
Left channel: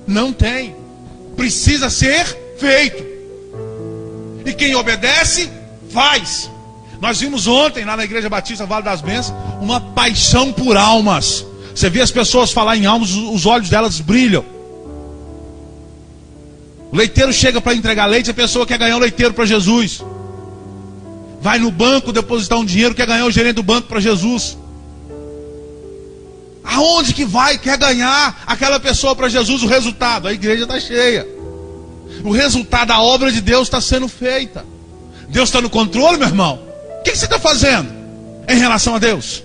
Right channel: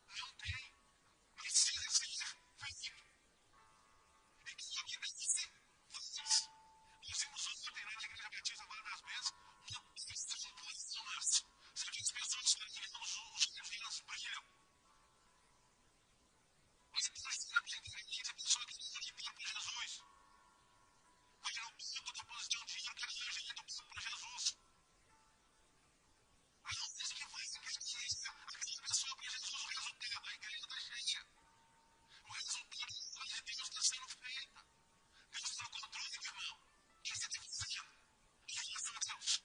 Não tem. Precisa ser feito. E quem obedece, faz. Nós vimos ontem, lá na Igreja Batista Vale das Bênçãos, uma paixão por almas. Você vê as pessoas falar em almas, os olhos delas brilham. O leiteiro chega para entregar leite, a pessoa quer ganhar um leiteiro para Jesus. Vai no banco depositar um dinheiro, quer ganhar o gerente do banco para Jesus. Aonde que vai? Quer ganhar aquela pessoa para Jesus. O resultado, a igreja está cheia. O resultado da obra de Deus está sendo feita. Deus está no controle, meu irmão. O que você está fazendo em relação a Deus?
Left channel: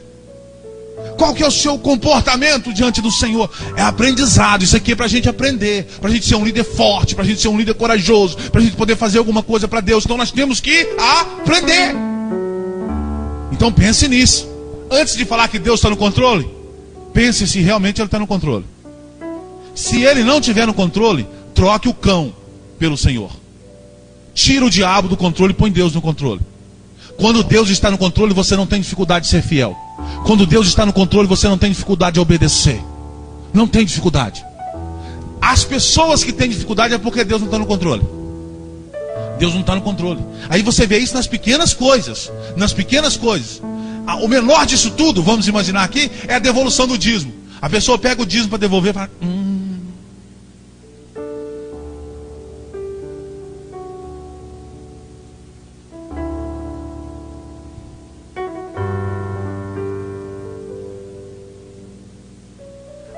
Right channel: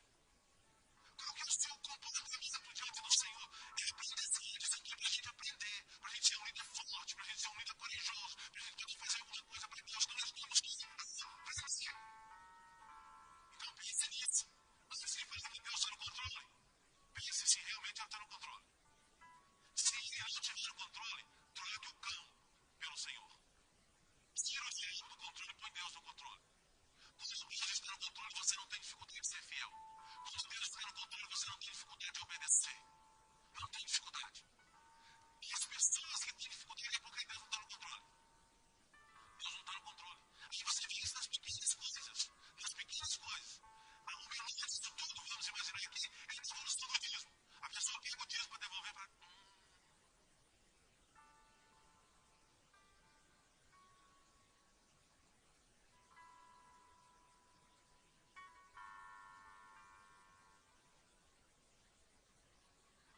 Qual que é o seu comportamento diante do Senhor? É aprendizado. Isso aqui é para a gente aprender, para a gente ser um líder forte, para a gente ser um líder corajoso, para a gente poder fazer alguma coisa para Deus. Então nós temos que aprender. Então pense nisso. Antes de falar que Deus está no controle, pense se realmente Ele está no controle. Se Ele não estiver no controle, troque o cão pelo Senhor. Tira o diabo do controle e põe Deus no controle. Quando Deus está no controle, você não tem dificuldade de ser fiel. Quando Deus está no controle, você não tem dificuldade de obedecer. Não tem dificuldade. As pessoas que têm dificuldade é porque Deus não está no controle. Deus não está no controle. Aí você vê isso nas pequenas coisas. Nas pequenas coisas. O menor disso tudo, vamos imaginar aqui, é a devolução do dízimo. A pessoa pega o dízimo para devolver e fala...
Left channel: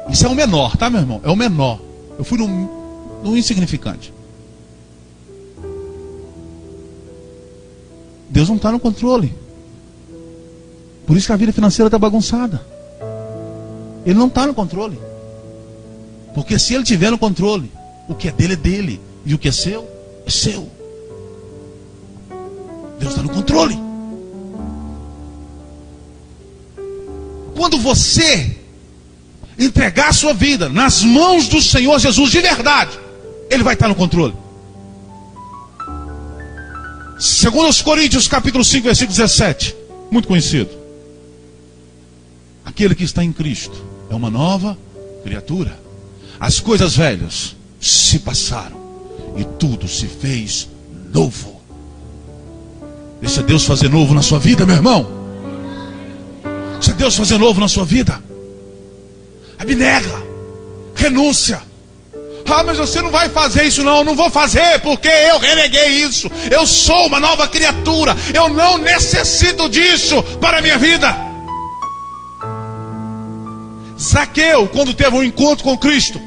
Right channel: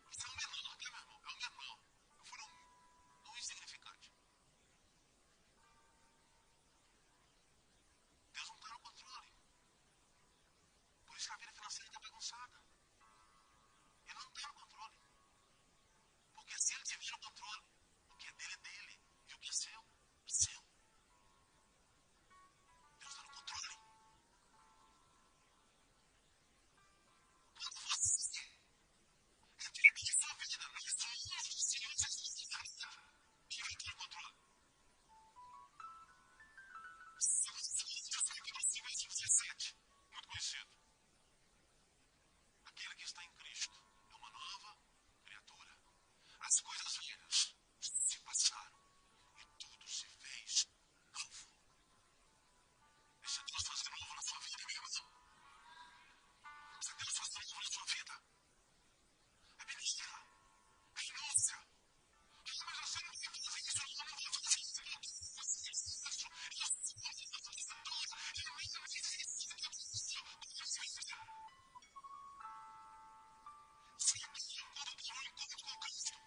Isso é o menor, tá, meu irmão? É o menor. Eu fui no insignificante. Deus não está no controle. Por isso que a vida financeira está bagunçada. Ele não está no controle. Porque se Ele estiver no controle, o que é dele, e o que é seu, é seu. Deus está no controle. Quando você entregar a sua vida nas mãos do Senhor Jesus de verdade, Ele vai estar no controle. Segundo os Coríntios capítulo 5, versículo 17, muito conhecido. Aquele que está em Cristo é uma nova criatura. As coisas velhas se passaram e tudo se fez novo. Deixa Deus fazer novo na sua vida, meu irmão. Deixa Deus fazer novo na sua vida. Abnega, renúncia. Ah, mas você não vai fazer isso não. Eu não vou fazer porque eu reneguei isso. Eu sou uma nova criatura. Eu não necessito disso para a minha vida. Zaqueu, quando teve um encontro com Cristo,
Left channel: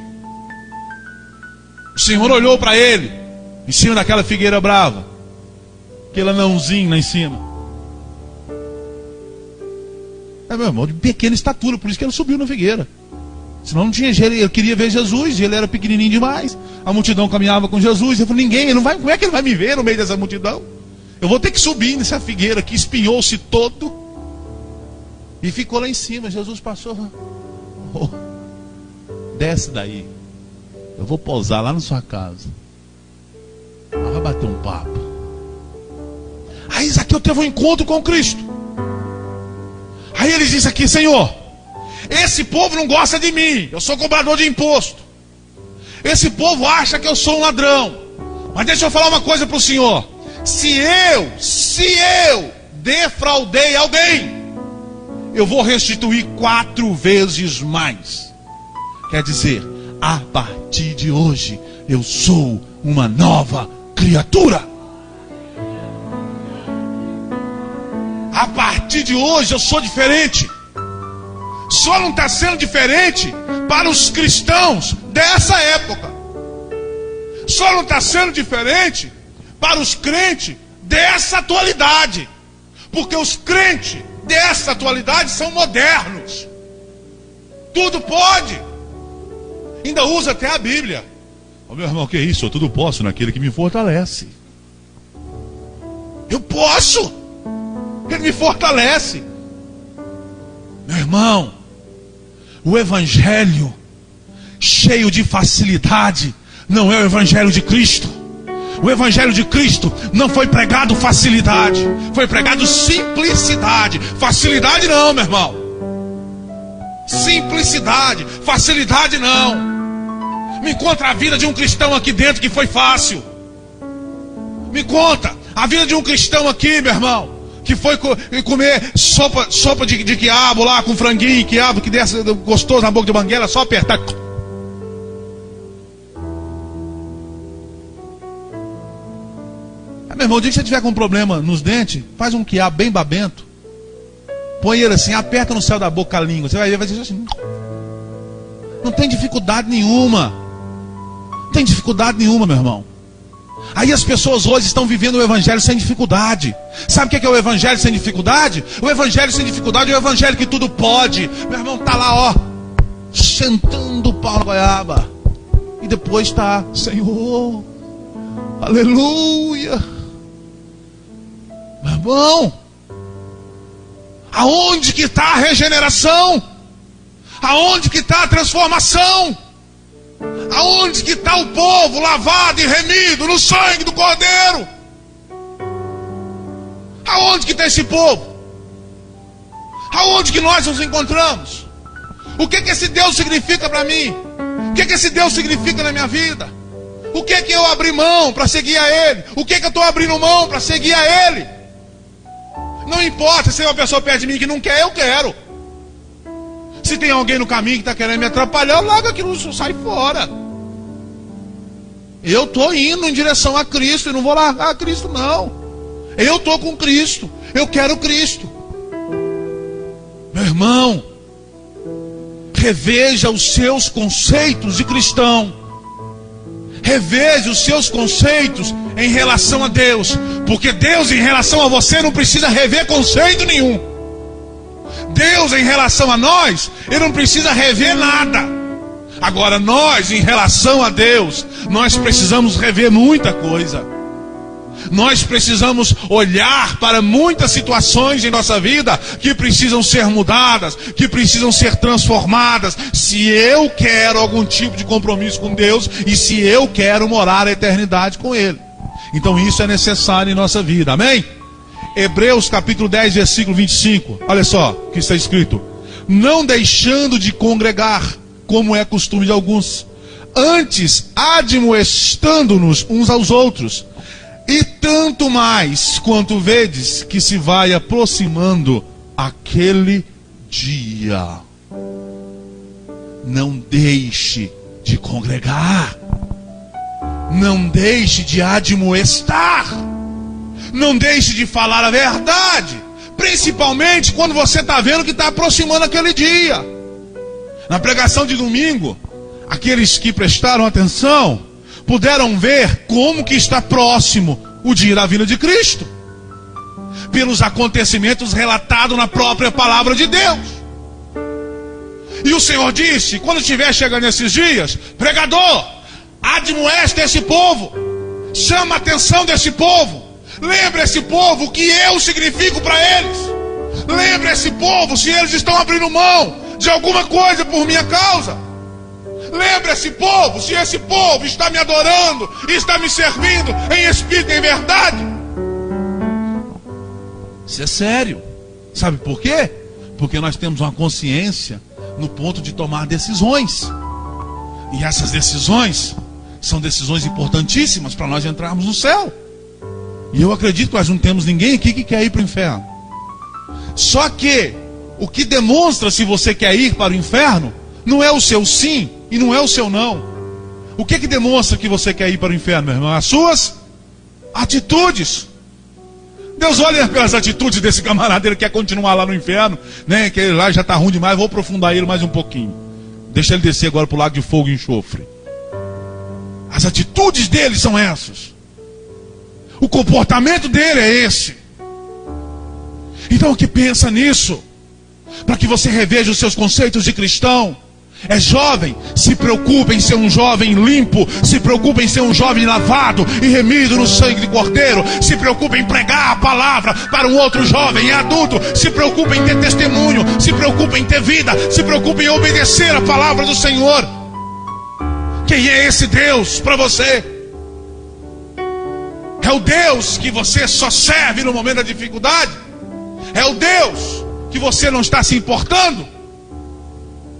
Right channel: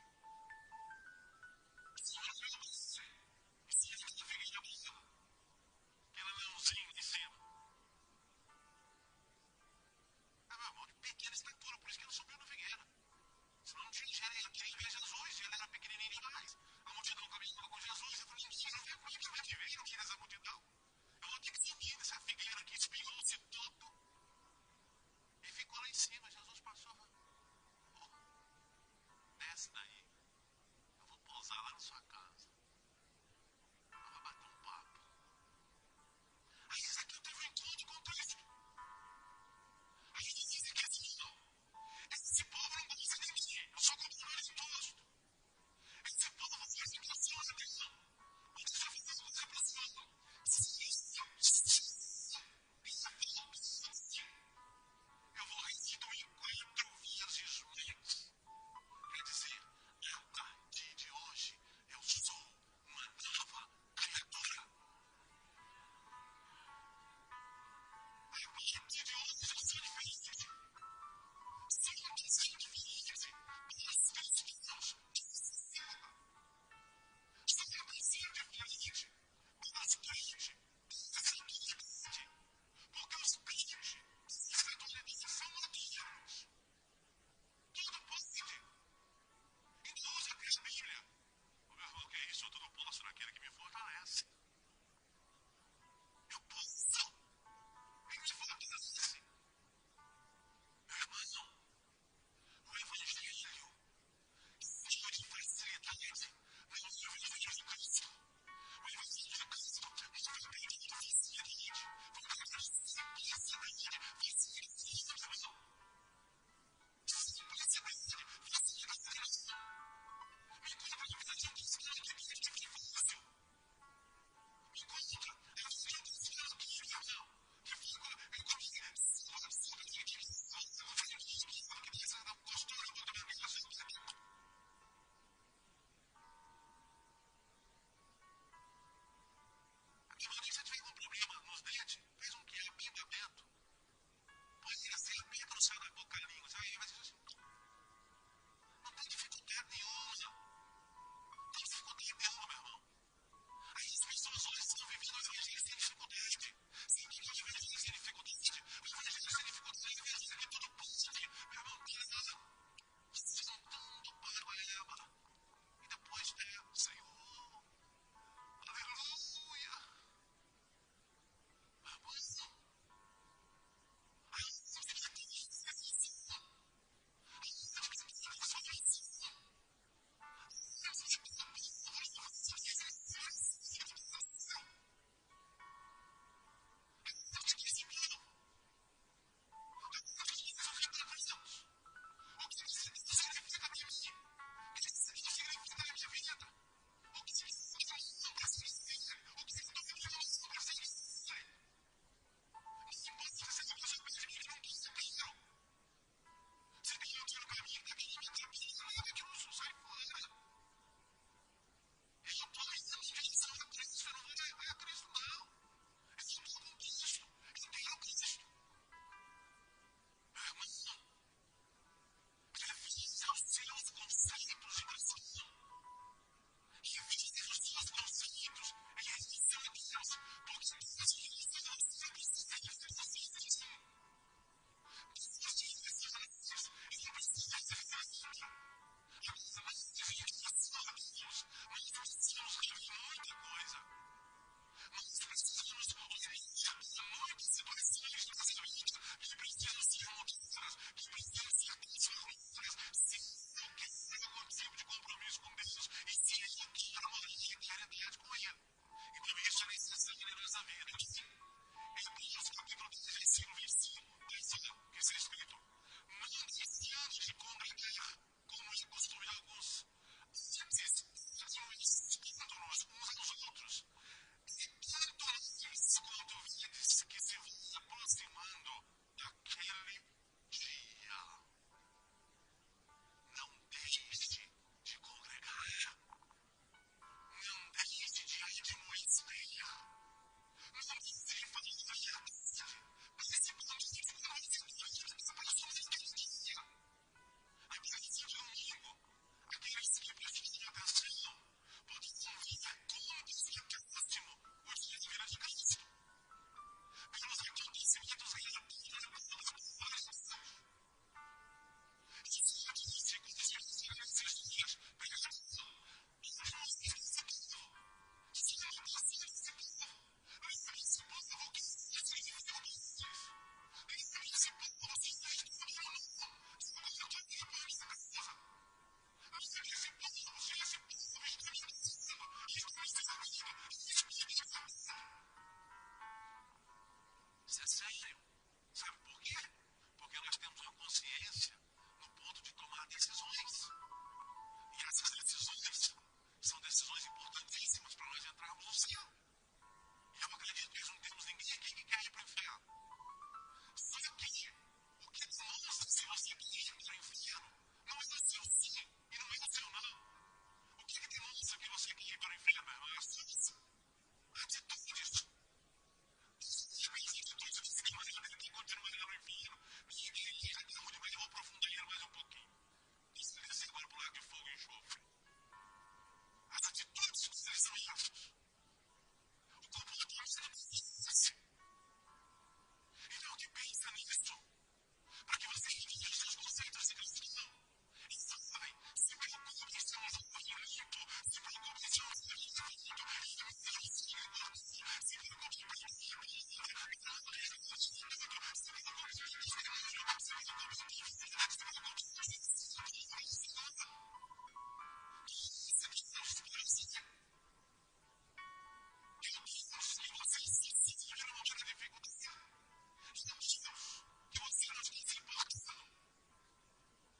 o Senhor olhou para ele em cima daquela figueira brava, aquele anãozinho lá em cima. É, meu irmão, de pequena estatura, por isso que ele subiu na figueira. Senão não tinha jeito, ele queria ver Jesus, ele era pequenininho demais. A multidão caminhava com Jesus. Ele falou, ninguém, ele não vai, como é que ele vai me ver no meio dessa multidão? Eu vou ter que subir nessa figueira que espinhou-se todo. E ficou lá em cima. Jesus passou. Oh, desce daí. Eu vou pousar lá na sua casa. Vai bater um papo. Aí Zaqueu teve um encontro com Cristo. Aí ele disse aqui: Senhor, esse povo não gosta de mim. Eu sou cobrador de imposto. Esse povo acha que eu sou um ladrão. Mas deixa eu falar uma coisa para o Senhor. Se eu defraudei alguém, eu vou restituir 4 vezes mais. Quer dizer, a partir de hoje, eu sou uma nova criatura. A partir de hoje, eu sou diferente. Só não está sendo diferente para os cristãos dessa época. Só não está sendo diferente para os crentes dessa atualidade. Porque os crentes dessa atualidade são modernos. Tudo pode. Ainda usa até a Bíblia. Oh, meu irmão, que isso? Eu tudo posso naquele que me fortalece. Eu posso. Ele me fortalece. Meu irmão, o evangelho cheio de facilidade não é o evangelho de Cristo. O evangelho de Cristo não foi pregado facilidade, foi pregado simplicidade. Facilidade não, meu irmão. Simplicidade, facilidade não. Me conta a vida de um cristão aqui dentro que foi fácil. Me conta a vida de um cristão aqui, meu irmão, que foi comer sopa de quiabo lá com franguinho, quiabo que desce gostoso na boca de banguela, só apertar. Meu irmão, o dia que você tiver com um problema nos dentes, faz um quiabo bem babento, põe ele assim, aperta no céu da boca a língua, você vai ver, vai dizer assim, não tem dificuldade nenhuma. Não tem dificuldade nenhuma, meu irmão. Aí as pessoas hoje estão vivendo o evangelho sem dificuldade. Sabe o que é o evangelho sem dificuldade? O evangelho sem dificuldade é o evangelho que tudo pode. Meu irmão está lá, ó, sentando o pau na goiaba. E depois está, Senhor, aleluia. Meu irmão, aonde que está a regeneração? Aonde que está a transformação? Aonde que está o povo lavado e remido no sangue do Cordeiro? Aonde que está esse povo? Aonde que nós nos encontramos? O que esse Deus significa para mim? O que esse Deus significa na minha vida? O que eu abri mão para seguir a Ele? O que eu estou abrindo mão para seguir a Ele? Não importa se uma pessoa perto de mim que não quer, eu quero. Se tem alguém no caminho que está querendo me atrapalhar, eu largo aquilo, sai fora. Eu estou indo em direção a Cristo e não vou largar a Cristo, não. Eu estou com Cristo, eu quero Cristo. Meu irmão, reveja os seus conceitos de cristão. Reveja os seus conceitos em relação a Deus. Porque Deus em relação a você não precisa rever conceito nenhum. Deus em relação a nós, Ele não precisa rever nada. Agora nós em relação a Deus, nós precisamos rever muita coisa. Nós precisamos olhar para muitas situações em nossa vida que precisam ser mudadas, que precisam ser transformadas, se eu quero algum tipo de compromisso com Deus e se eu quero morar a eternidade com Ele. Então isso é necessário em nossa vida, amém? Hebreus capítulo 10, versículo 25, olha só o que está escrito: não deixando de congregar, como é costume de alguns, antes admoestando-nos uns aos outros, e tanto mais quanto vedes que se vai aproximando aquele dia. Não deixe de congregar, não deixe de admoestar, não deixe de falar a verdade, principalmente quando você está vendo que está aproximando aquele dia. Na pregação de domingo, aqueles que prestaram atenção puderam ver como que está próximo o dia da vinda de Cristo, pelos acontecimentos relatados na própria palavra de Deus. E o Senhor disse, quando estiver chegando esses dias, pregador, admoesta esse povo, chama a atenção desse povo, lembra esse povo o que eu significo para eles, Lembre esse povo se eles estão abrindo mão de alguma coisa por minha causa. Lembre esse povo se esse povo está me adorando e está me servindo em espírito e em verdade. Isso é sério. Sabe por quê? Porque nós temos uma consciência no ponto de tomar decisões. E essas decisões são decisões importantíssimas para nós entrarmos no céu. E eu acredito que nós não temos ninguém aqui que quer ir para o inferno. Só que o que demonstra se você quer ir para o inferno não é o seu sim e não é o seu não. O que demonstra que você quer ir para o inferno, meu irmão? As suas atitudes. Deus olha pelas atitudes desse camarada, ele quer continuar lá no inferno, né? Que ele lá já está ruim demais, vou aprofundar ele mais um pouquinho. Deixa ele descer agora para o lago de fogo e enxofre. As atitudes dele são essas. O comportamento dele é esse. Então o que pensa nisso? Para que você reveja os seus conceitos de cristão. É jovem, se preocupe em ser um jovem limpo. Se preocupe em ser um jovem lavado e remido no sangue de Cordeiro. Se preocupe em pregar a palavra para um outro jovem. É adulto, se preocupe em ter testemunho. Se preocupe em ter vida. Se preocupe em obedecer a palavra do Senhor. Quem é esse Deus para você? É o Deus que você só serve no momento da dificuldade? É o Deus que você não está se importando?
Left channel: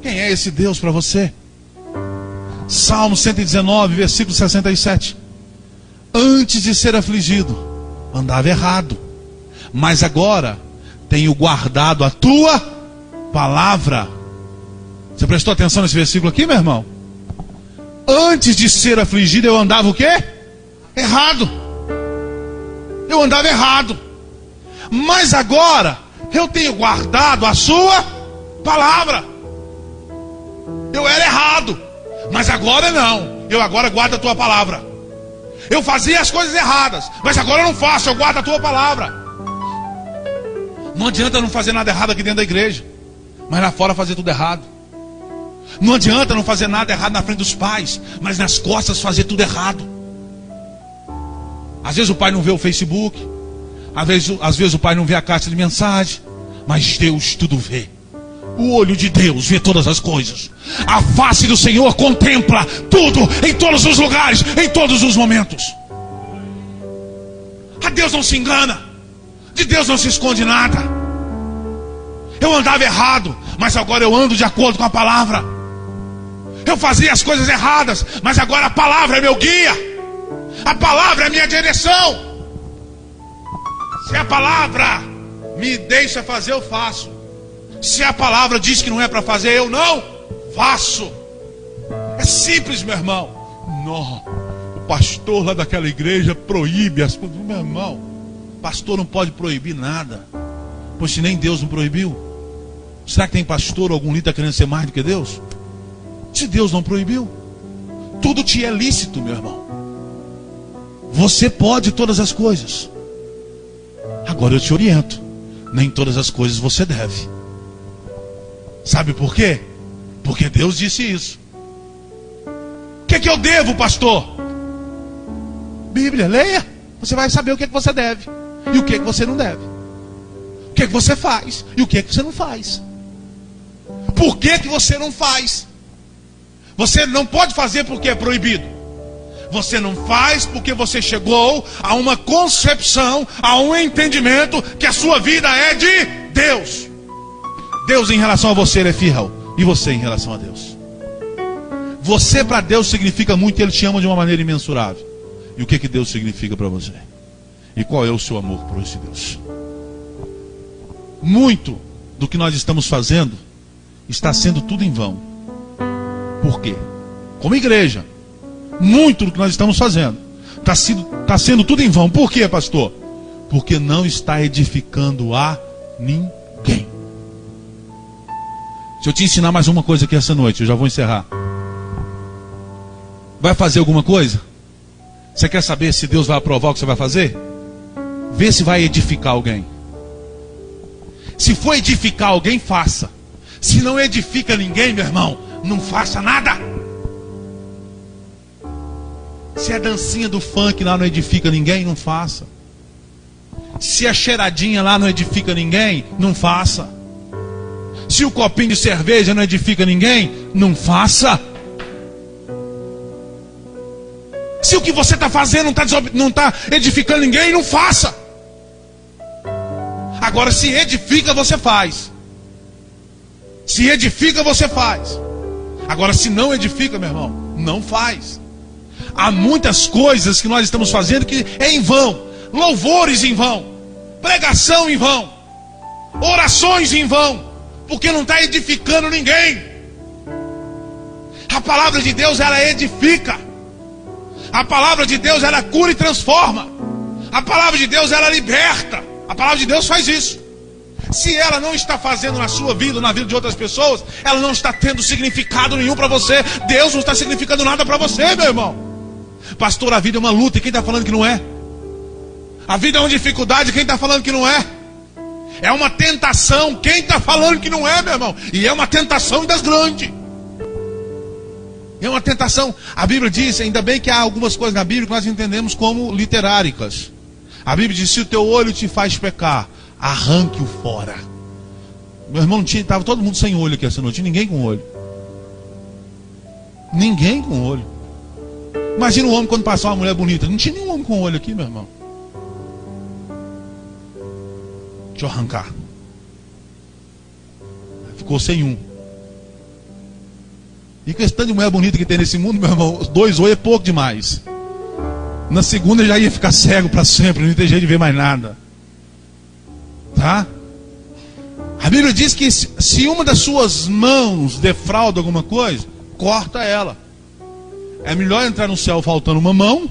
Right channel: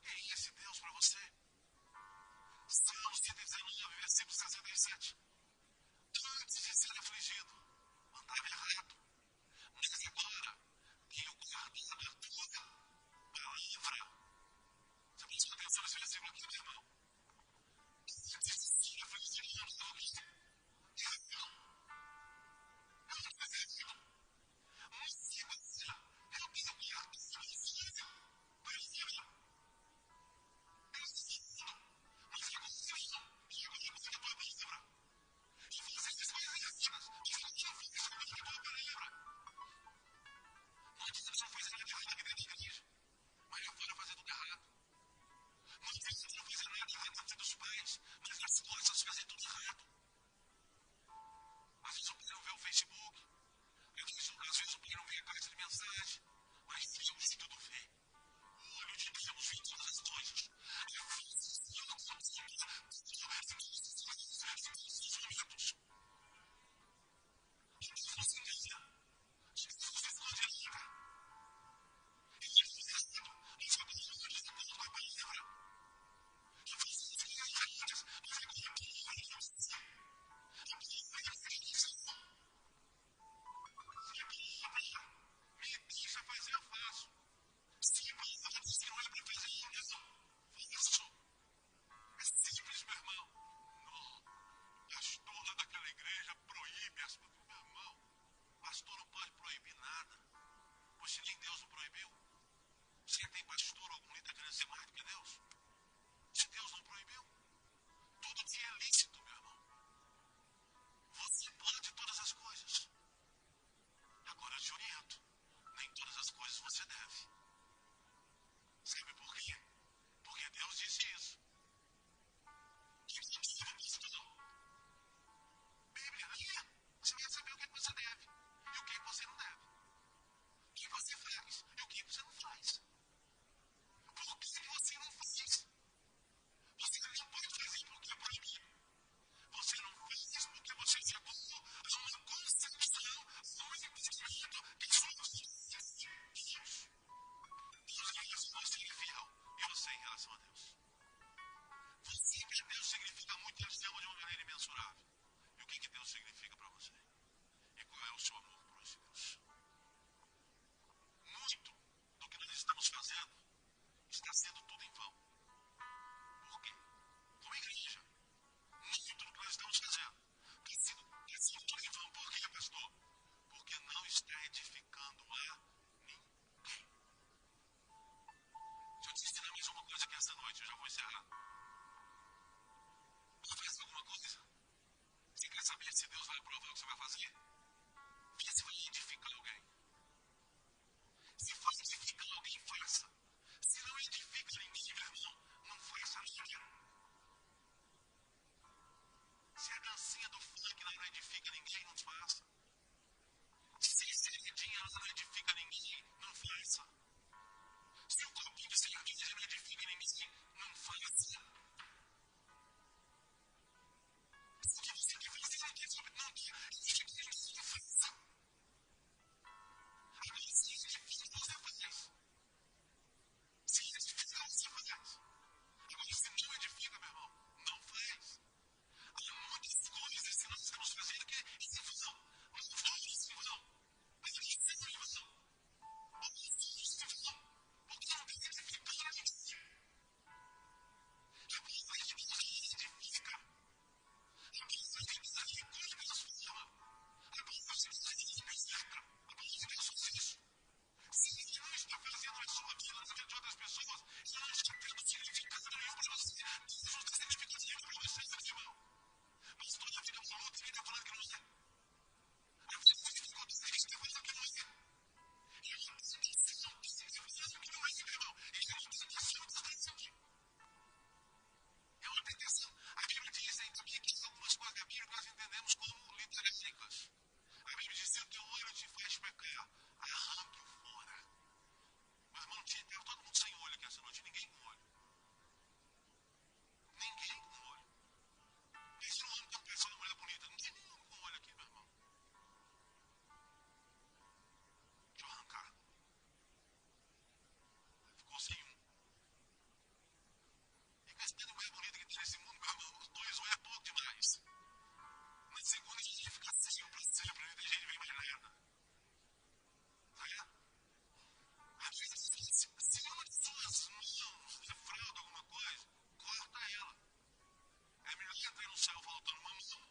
Quem é esse Deus para você? Salmo 119, versículo 67. Antes de ser afligido, andava errado, mas agora tenho guardado a tua palavra. Você prestou atenção nesse versículo aqui, meu irmão? Antes de ser afligido, eu andava o quê? Errado. Eu andava errado. Mas agora eu tenho guardado a sua palavra. Eu era errado, mas agora não. Eu agora guardo a tua palavra. Eu fazia as coisas erradas, mas agora eu não faço, eu guardo a tua palavra. Não adianta não fazer nada errado aqui dentro da igreja, mas lá fora fazer tudo errado. Não adianta não fazer nada errado na frente dos pais, mas nas costas fazer tudo errado. Às vezes o pai não vê o Facebook, às vezes o pai não vê a caixa de mensagem, mas Deus tudo vê. O olho de Deus vê todas as coisas. A face do Senhor contempla tudo, em todos os lugares, em todos os momentos. A Deus não se engana. De Deus não se esconde nada. Eu andava errado, mas agora eu ando de acordo com a palavra. Eu fazia as coisas erradas, mas agora a palavra é meu guia. A palavra é minha direção. Se a palavra me deixa fazer, eu faço. Se a palavra diz que não é para fazer, eu não faço. É simples, meu irmão. Não, o pastor lá daquela igreja proíbe as coisas. Meu irmão, pastor não pode proibir nada. Pois se nem Deus não proibiu, será que tem pastor ou algum líder querendo ser mais do que Deus? Se Deus não proibiu, tudo te é lícito, meu irmão. Você pode todas as coisas. Agora eu te oriento, nem todas as coisas você deve. Sabe por quê? Porque Deus disse isso. O que eu devo, pastor? Bíblia, leia. Você vai saber o que você deve e o que você não deve. O que você faz e o que você não faz. Por que você não faz? Você não pode fazer porque é proibido. Você não faz porque você chegou a uma concepção, a um entendimento que a sua vida é de Deus. Deus em relação a você, ele é fiel. E você em relação a Deus. Você para Deus significa muito e Ele te ama de uma maneira imensurável. E o que Deus significa para você? E qual é o seu amor por esse Deus? Muito do que nós estamos fazendo está sendo tudo em vão. Por quê? Como igreja, muito do que nós estamos fazendo está sendo tudo em vão. Por quê, pastor? Porque não está edificando a ninguém. Se eu te ensinar mais uma coisa aqui essa noite, eu já vou encerrar. Vai fazer alguma coisa? Você quer saber se Deus vai aprovar o que você vai fazer? Vê se vai edificar alguém. Se for edificar alguém, faça. Se não edifica ninguém, meu irmão, não faça nada. Se a dancinha do funk lá não edifica ninguém, não faça. Se a cheiradinha lá não edifica ninguém, não faça. Se o copinho de cerveja não edifica ninguém, não faça. Se o que você está fazendo não está edificando ninguém, não faça. Agora, se edifica, você faz. Se edifica, você faz. Agora, se não edifica, meu irmão, não faz. Há muitas coisas que nós estamos fazendo que é em vão. Louvores em vão, pregação em vão, orações em vão, porque não está edificando ninguém. A palavra de Deus, ela edifica. A palavra de Deus, ela cura e transforma. A palavra de Deus, ela liberta. A palavra de Deus faz isso. Se ela não está fazendo na sua vida, na vida de outras pessoas, ela não está tendo significado nenhum para você. Deus não está significando nada para você, meu irmão. Pastor, a vida é uma luta, e quem está falando que não é? A vida é uma dificuldade, quem está falando que não é? É uma tentação, quem está falando que não é, meu irmão? E é uma tentação das grandes. É uma tentação. A Bíblia diz, ainda bem que há algumas coisas na Bíblia que nós entendemos como literáricas. A Bíblia diz, se o teu olho te faz pecar, arranque-o fora. Meu irmão, estava todo mundo sem olho aqui essa noite, ninguém com olho. Ninguém com olho. Imagina um homem quando passar uma mulher bonita. Não tinha nenhum homem com olho aqui, meu irmão. Deixa eu arrancar. Ficou sem um. E questão de mulher bonita que tem nesse mundo, meu irmão, 2 olhos é pouco demais. Na segunda já ia ficar cego para sempre, não ia ter jeito de ver mais nada. Tá? A Bíblia diz que se uma das suas mãos defrauda alguma coisa, corta ela. É melhor entrar no céu faltando uma mão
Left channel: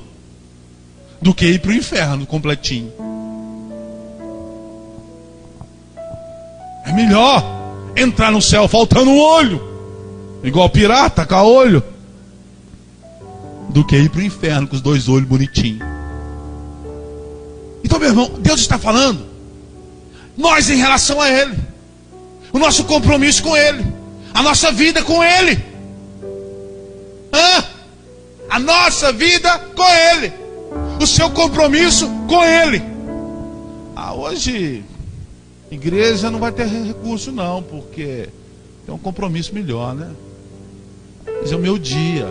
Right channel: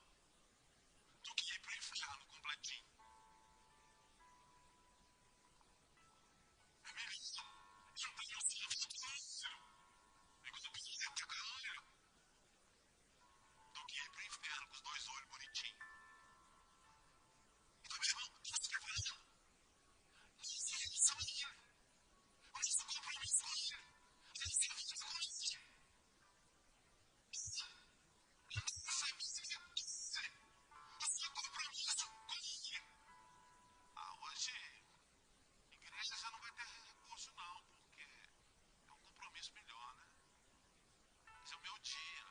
do que ir para o inferno completinho. É melhor entrar no céu faltando um olho, igual pirata, com olho, do que ir para o inferno com os 2 olhos bonitinhos. Então, meu irmão, Deus está falando, nós em relação a Ele, o nosso compromisso com Ele, a nossa vida com Ele, a nossa vida com Ele, o seu compromisso com Ele. Hoje, igreja não vai ter recurso não, porque tem um compromisso melhor, né? Esse é o meu dia.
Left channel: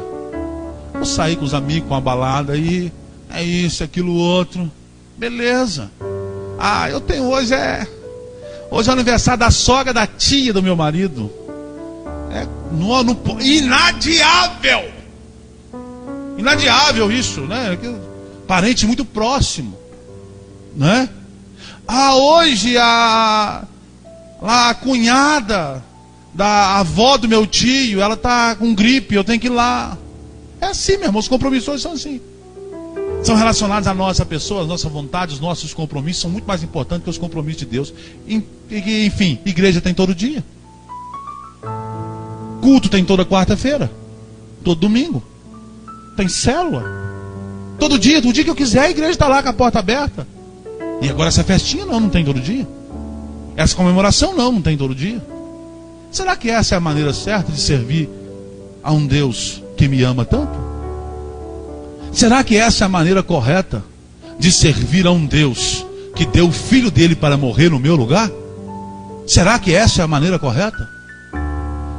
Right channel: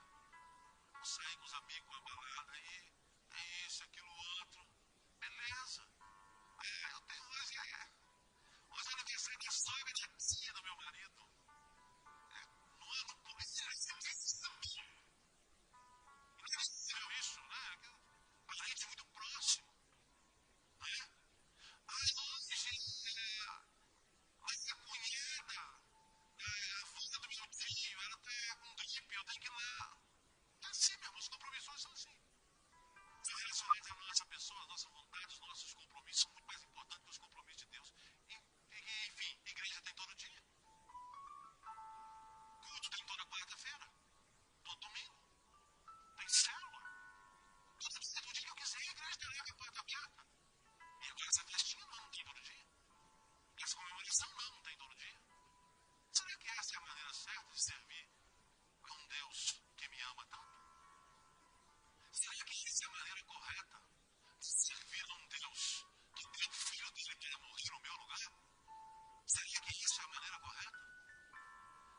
Vou sair com os amigos, com uma balada aí, é isso, aquilo, outro. Beleza. Eu tenho hoje é o aniversário da sogra da tia do meu marido. Inadiável. Inadiável isso, né? Parente muito próximo, né? Hoje a cunhada da avó do meu tio, ela está com gripe, eu tenho que ir lá. É assim, meu irmão, os compromissos hoje são assim. São relacionados à nossa pessoa, às nossas vontades, os nossos compromissos são muito mais importantes que os compromissos de Deus. Enfim, igreja tem todo dia. Culto tem toda quarta-feira. Todo domingo. Tem célula. Todo dia, o dia que eu quiser, a igreja está lá com a porta aberta. E agora essa festinha não tem todo dia. Essa comemoração não tem todo dia. Será que essa é a maneira certa de servir a um Deus que me ama tanto? Será que essa é a maneira correta de servir a um Deus que deu o filho dele para morrer no meu lugar? Será que essa é a maneira correta?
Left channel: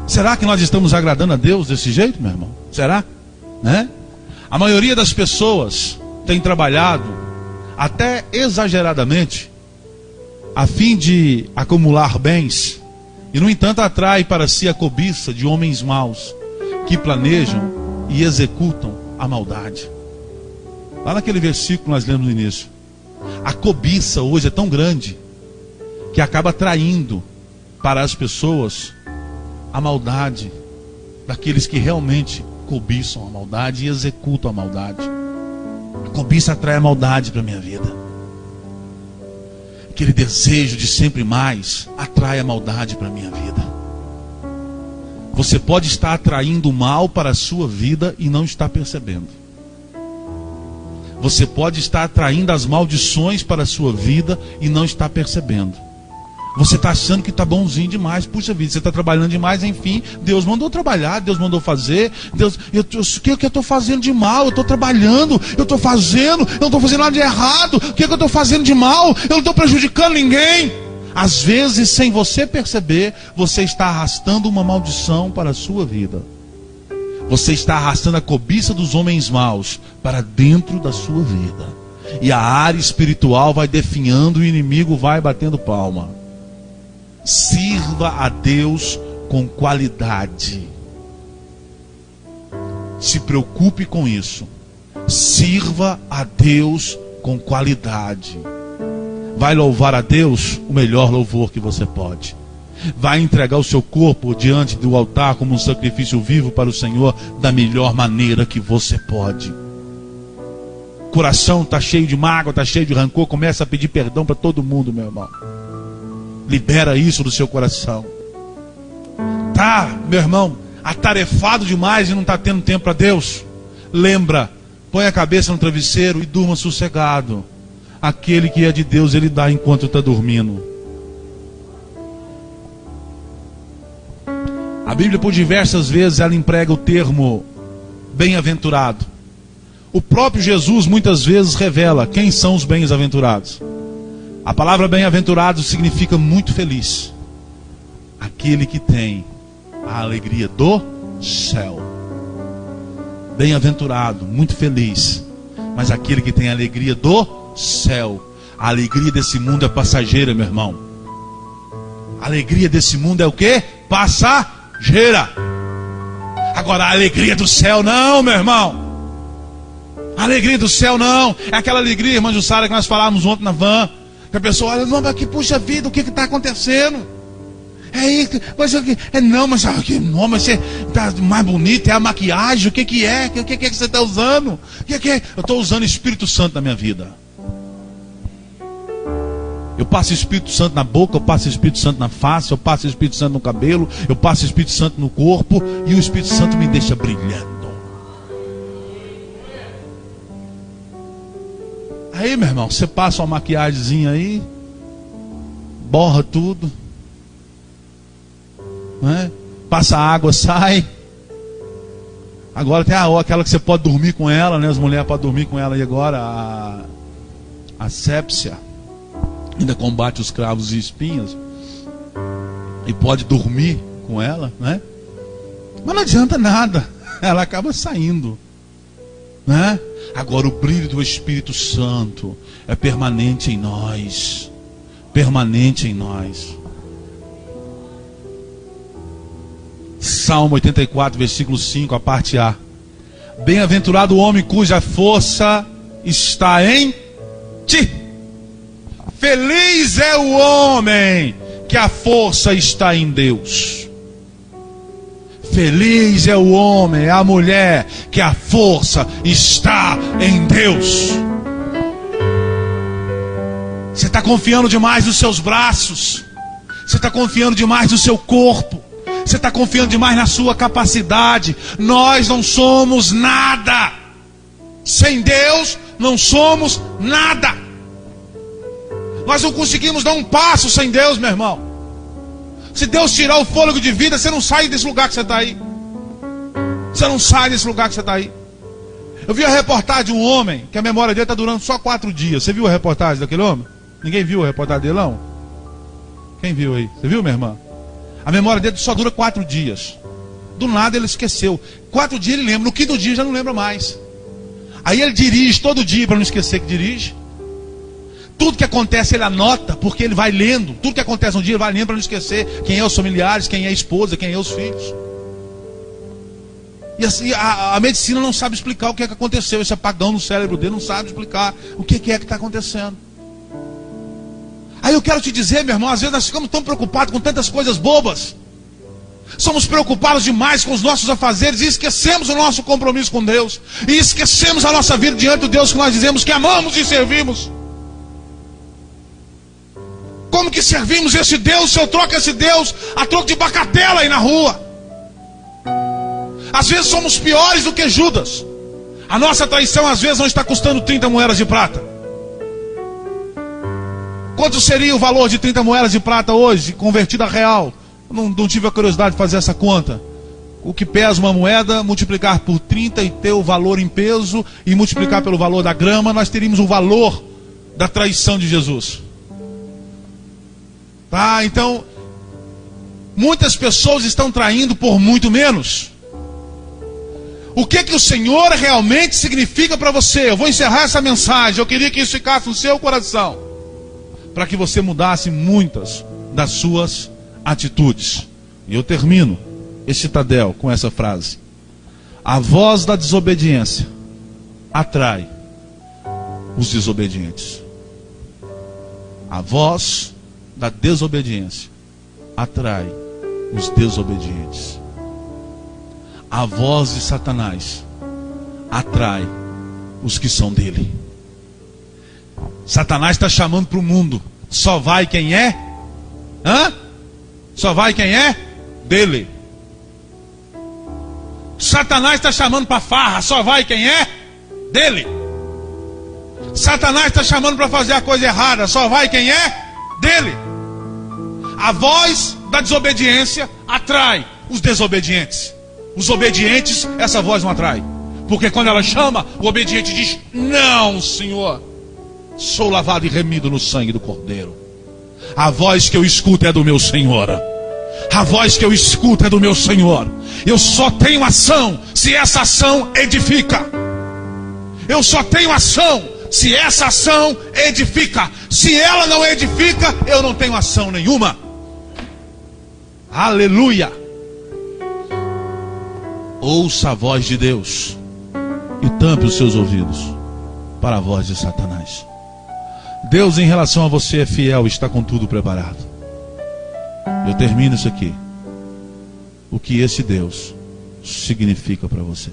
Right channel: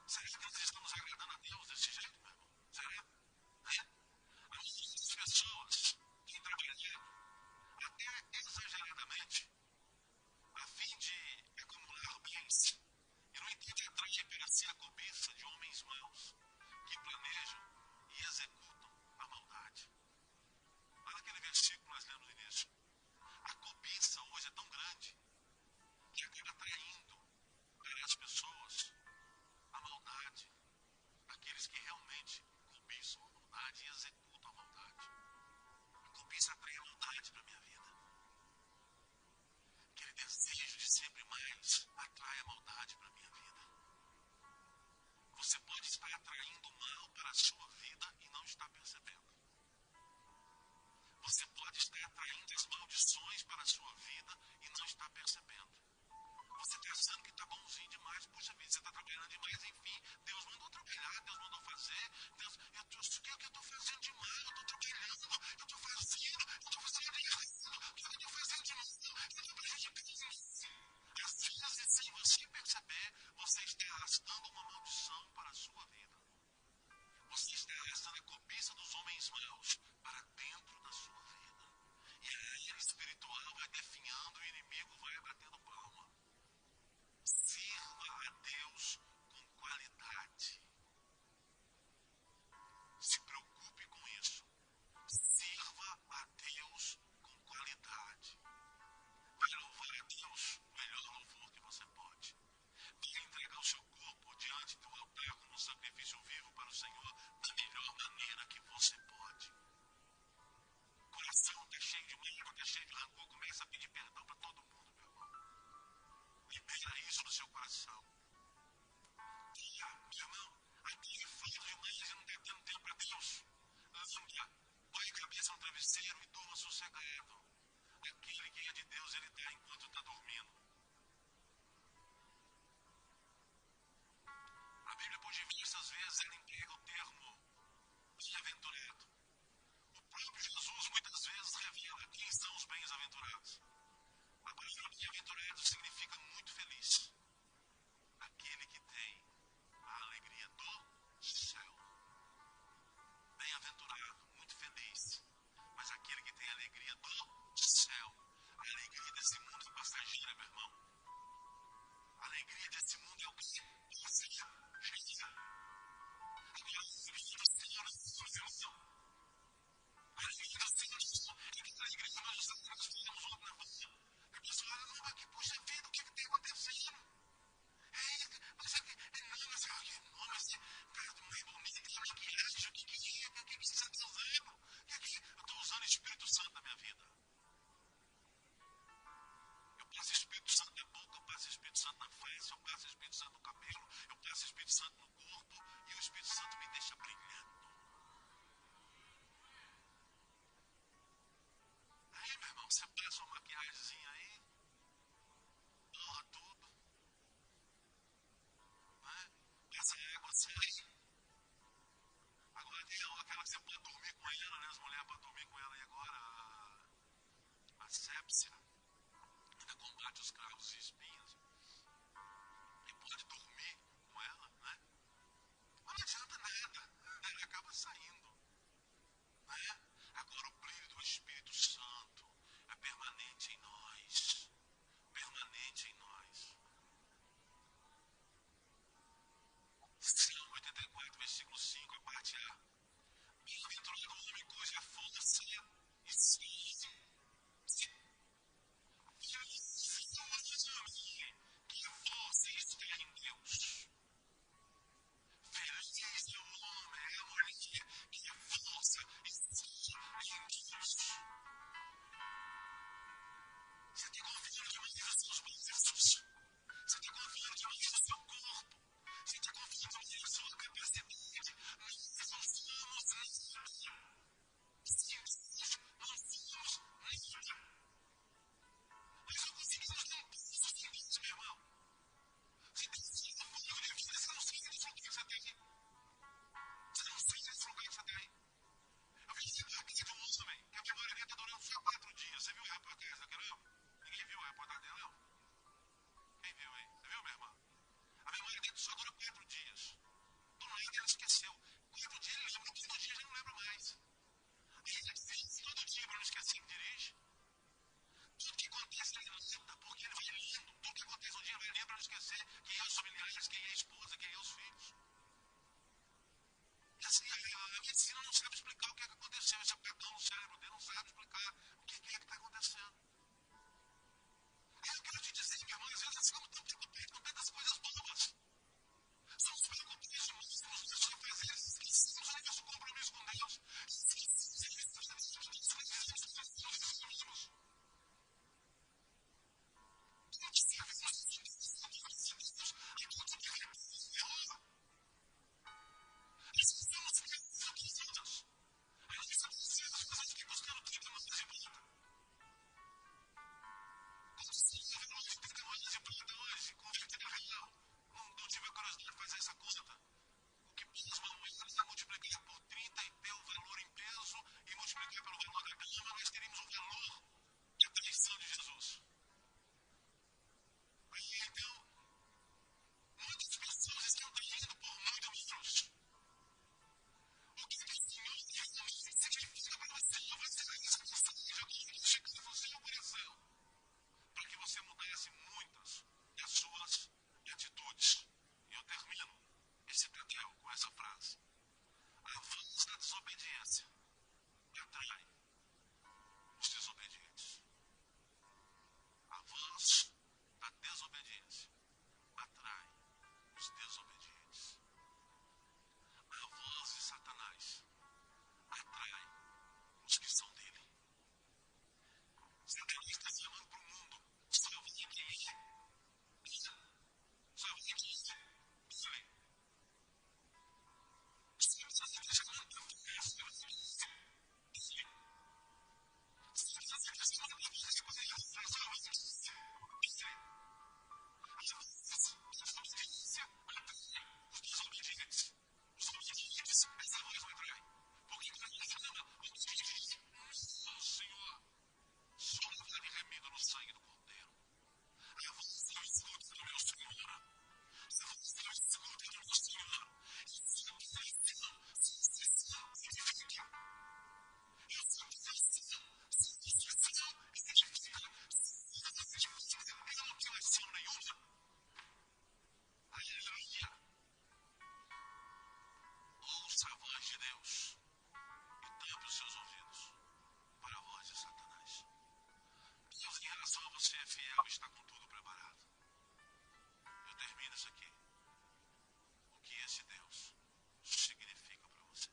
Será que nós estamos agradando a Deus desse jeito, meu irmão? Será? Né? A maioria das pessoas tem trabalhado até exageradamente a fim de acumular bens e, no entanto, atrai para si a cobiça de homens maus que planejam e executam a maldade. Lá naquele versículo que nós lemos no início, a cobiça hoje é tão grande que acaba atraindo para as pessoas a maldade daqueles que realmente cobiçam a maldade e executam a maldade. A cobiça atrai a maldade para a minha vida. Aquele desejo de sempre mais atrai a maldade para a minha vida. Você pode estar atraindo o mal para a sua vida e não está percebendo. Você pode estar atraindo as maldições para a sua vida e não está percebendo. Você está achando que está bonzinho demais. Puxa vida, você está trabalhando demais. Enfim, Deus mandou trabalhar, Deus mandou fazer. O que eu estou fazendo de mal? Eu estou trabalhando, eu estou fazendo, eu não estou fazendo nada de errado. O que eu estou fazendo de mal? Eu não estou prejudicando ninguém. Às vezes, sem você perceber, você está arrastando uma maldição para a sua vida. Você está arrastando a cobiça dos homens maus para dentro da sua vida. E a área espiritual vai definhando e o inimigo vai batendo palma. Sirva a Deus com qualidade. Se preocupe com isso. Sirva a Deus com qualidade. Vai louvar a Deus o melhor louvor que você pode. Vai entregar o seu corpo diante do altar como um sacrifício vivo para o Senhor da melhor maneira que você pode. Coração está cheio de mágoa, está cheio de rancor, começa a pedir perdão para todo mundo, meu irmão. Libera isso do seu coração. Tá, meu irmão, atarefado demais e não está tendo tempo para Deus? Lembra, põe a cabeça no travesseiro e durma sossegado. Aquele que é de Deus, Ele dá enquanto está dormindo. A Bíblia, por diversas vezes, ela emprega o termo bem-aventurado. O próprio Jesus, muitas vezes, revela quem são os bem-aventurados. A palavra bem-aventurado significa muito feliz. Aquele que tem a alegria do céu. Bem-aventurado, muito feliz. Mas aquele que tem a alegria do céu. A alegria desse mundo é passageira, meu irmão. A alegria desse mundo é o quê? Passageira. Agora a alegria do céu não, meu irmão. A alegria do céu não. É aquela alegria, irmã Jussara, que nós falávamos ontem na van. Que a pessoa olha, não, mas que puxa vida, o que está acontecendo? É isso, mas você está mais bonito, é a maquiagem, o que é? O que você está usando? Eu estou usando o Espírito Santo na minha vida. Eu passo o Espírito Santo na boca, eu passo o Espírito Santo na face, eu passo o Espírito Santo no cabelo, eu passo o Espírito Santo no corpo, e o Espírito Santo me deixa brilhando. Aí, meu irmão, você passa uma maquiagemzinha aí, borra tudo, né? Passa água, sai. Agora tem aquela que você pode dormir com ela, né? As mulheres podem dormir com ela. E agora a asepsia ainda combate os cravos e espinhos. E pode dormir com ela, né? Mas não adianta nada, ela acaba saindo, né? Agora o brilho do Espírito Santo é permanente em nós. Permanente em nós. Salmo 84, versículo 5, a parte A. Bem-aventurado o homem cuja força está em ti. Feliz é o homem que a força está em Deus. Feliz é o homem, a mulher, que a força está em Deus. Você está confiando demais nos seus braços. Você está confiando demais no seu corpo. Você está confiando demais na sua capacidade. Nós não somos nada. Sem Deus não somos nada. Nós não conseguimos dar um passo sem Deus, meu irmão. Se Deus tirar o fôlego de vida, você não sai desse lugar que você está aí. Você não sai desse lugar que você está aí. Eu vi a reportagem de um homem que a memória dele está durando só 4 dias. Você viu a reportagem daquele homem? Ninguém viu a reportagem dele, não? Quem viu aí? Você viu, minha irmã? A memória dele só dura 4 dias. Do nada ele esqueceu. 4 dias ele lembra, no quinto dia já não lembra mais. Aí ele dirige todo dia para não esquecer que dirige. Tudo que acontece ele anota, porque ele vai lendo. Tudo que acontece um dia ele vai lendo para não esquecer quem é os familiares, quem é a esposa, quem é os filhos. E assim, a medicina não sabe explicar o que é que aconteceu. Esse apagão no cérebro dele não sabe explicar o que é que está acontecendo. Aí eu quero te dizer, meu irmão, às vezes nós ficamos tão preocupados com tantas coisas bobas. Somos preocupados demais com os nossos afazeres e esquecemos o nosso compromisso com Deus. E esquecemos a nossa vida diante do Deus que nós dizemos que amamos e servimos. Como que servimos esse Deus se eu troco esse Deus a troco de bacatela aí na rua? Às vezes somos piores do que Judas. A nossa traição às vezes não está custando 30 moedas de prata. Quanto seria o valor de 30 moedas de prata hoje, convertida a real? Não tive a curiosidade de fazer essa conta. O que pesa uma moeda, multiplicar por 30 e ter o valor em peso, e multiplicar pelo valor da grama, nós teríamos o valor da traição de Jesus. Tá? Então, muitas pessoas estão traindo por muito menos. O que o Senhor realmente significa para você? Eu vou encerrar essa mensagem. Eu queria que isso ficasse no seu coração, para que você mudasse muitas das suas atitudes. E eu termino esse citadel com essa frase: a voz da desobediência atrai os desobedientes. A voz da desobediência atrai os desobedientes. A voz de Satanás atrai os que são dele. Satanás está chamando para o mundo. Só vai quem é? Só vai quem é? Dele. Satanás está chamando para farra. Só vai quem é? Dele. Satanás está chamando para fazer a coisa errada. Só vai quem é? Dele. A voz da desobediência atrai os desobedientes. Os obedientes, essa voz não atrai. Porque quando ela chama, o obediente diz: não, Senhor, sou lavado e remido no sangue do Cordeiro. A voz que eu escuto é do meu Senhor. A voz que eu escuto é do meu Senhor. Eu só tenho ação se essa ação edifica. Eu só tenho ação se essa ação edifica. Se ela não edifica, eu não tenho ação nenhuma. Aleluia. Ouça a voz de Deus e tampe os seus ouvidos para a voz de Satanás. Deus, em relação a você, é fiel, está com tudo preparado. Eu termino isso aqui. O que esse Deus significa para você?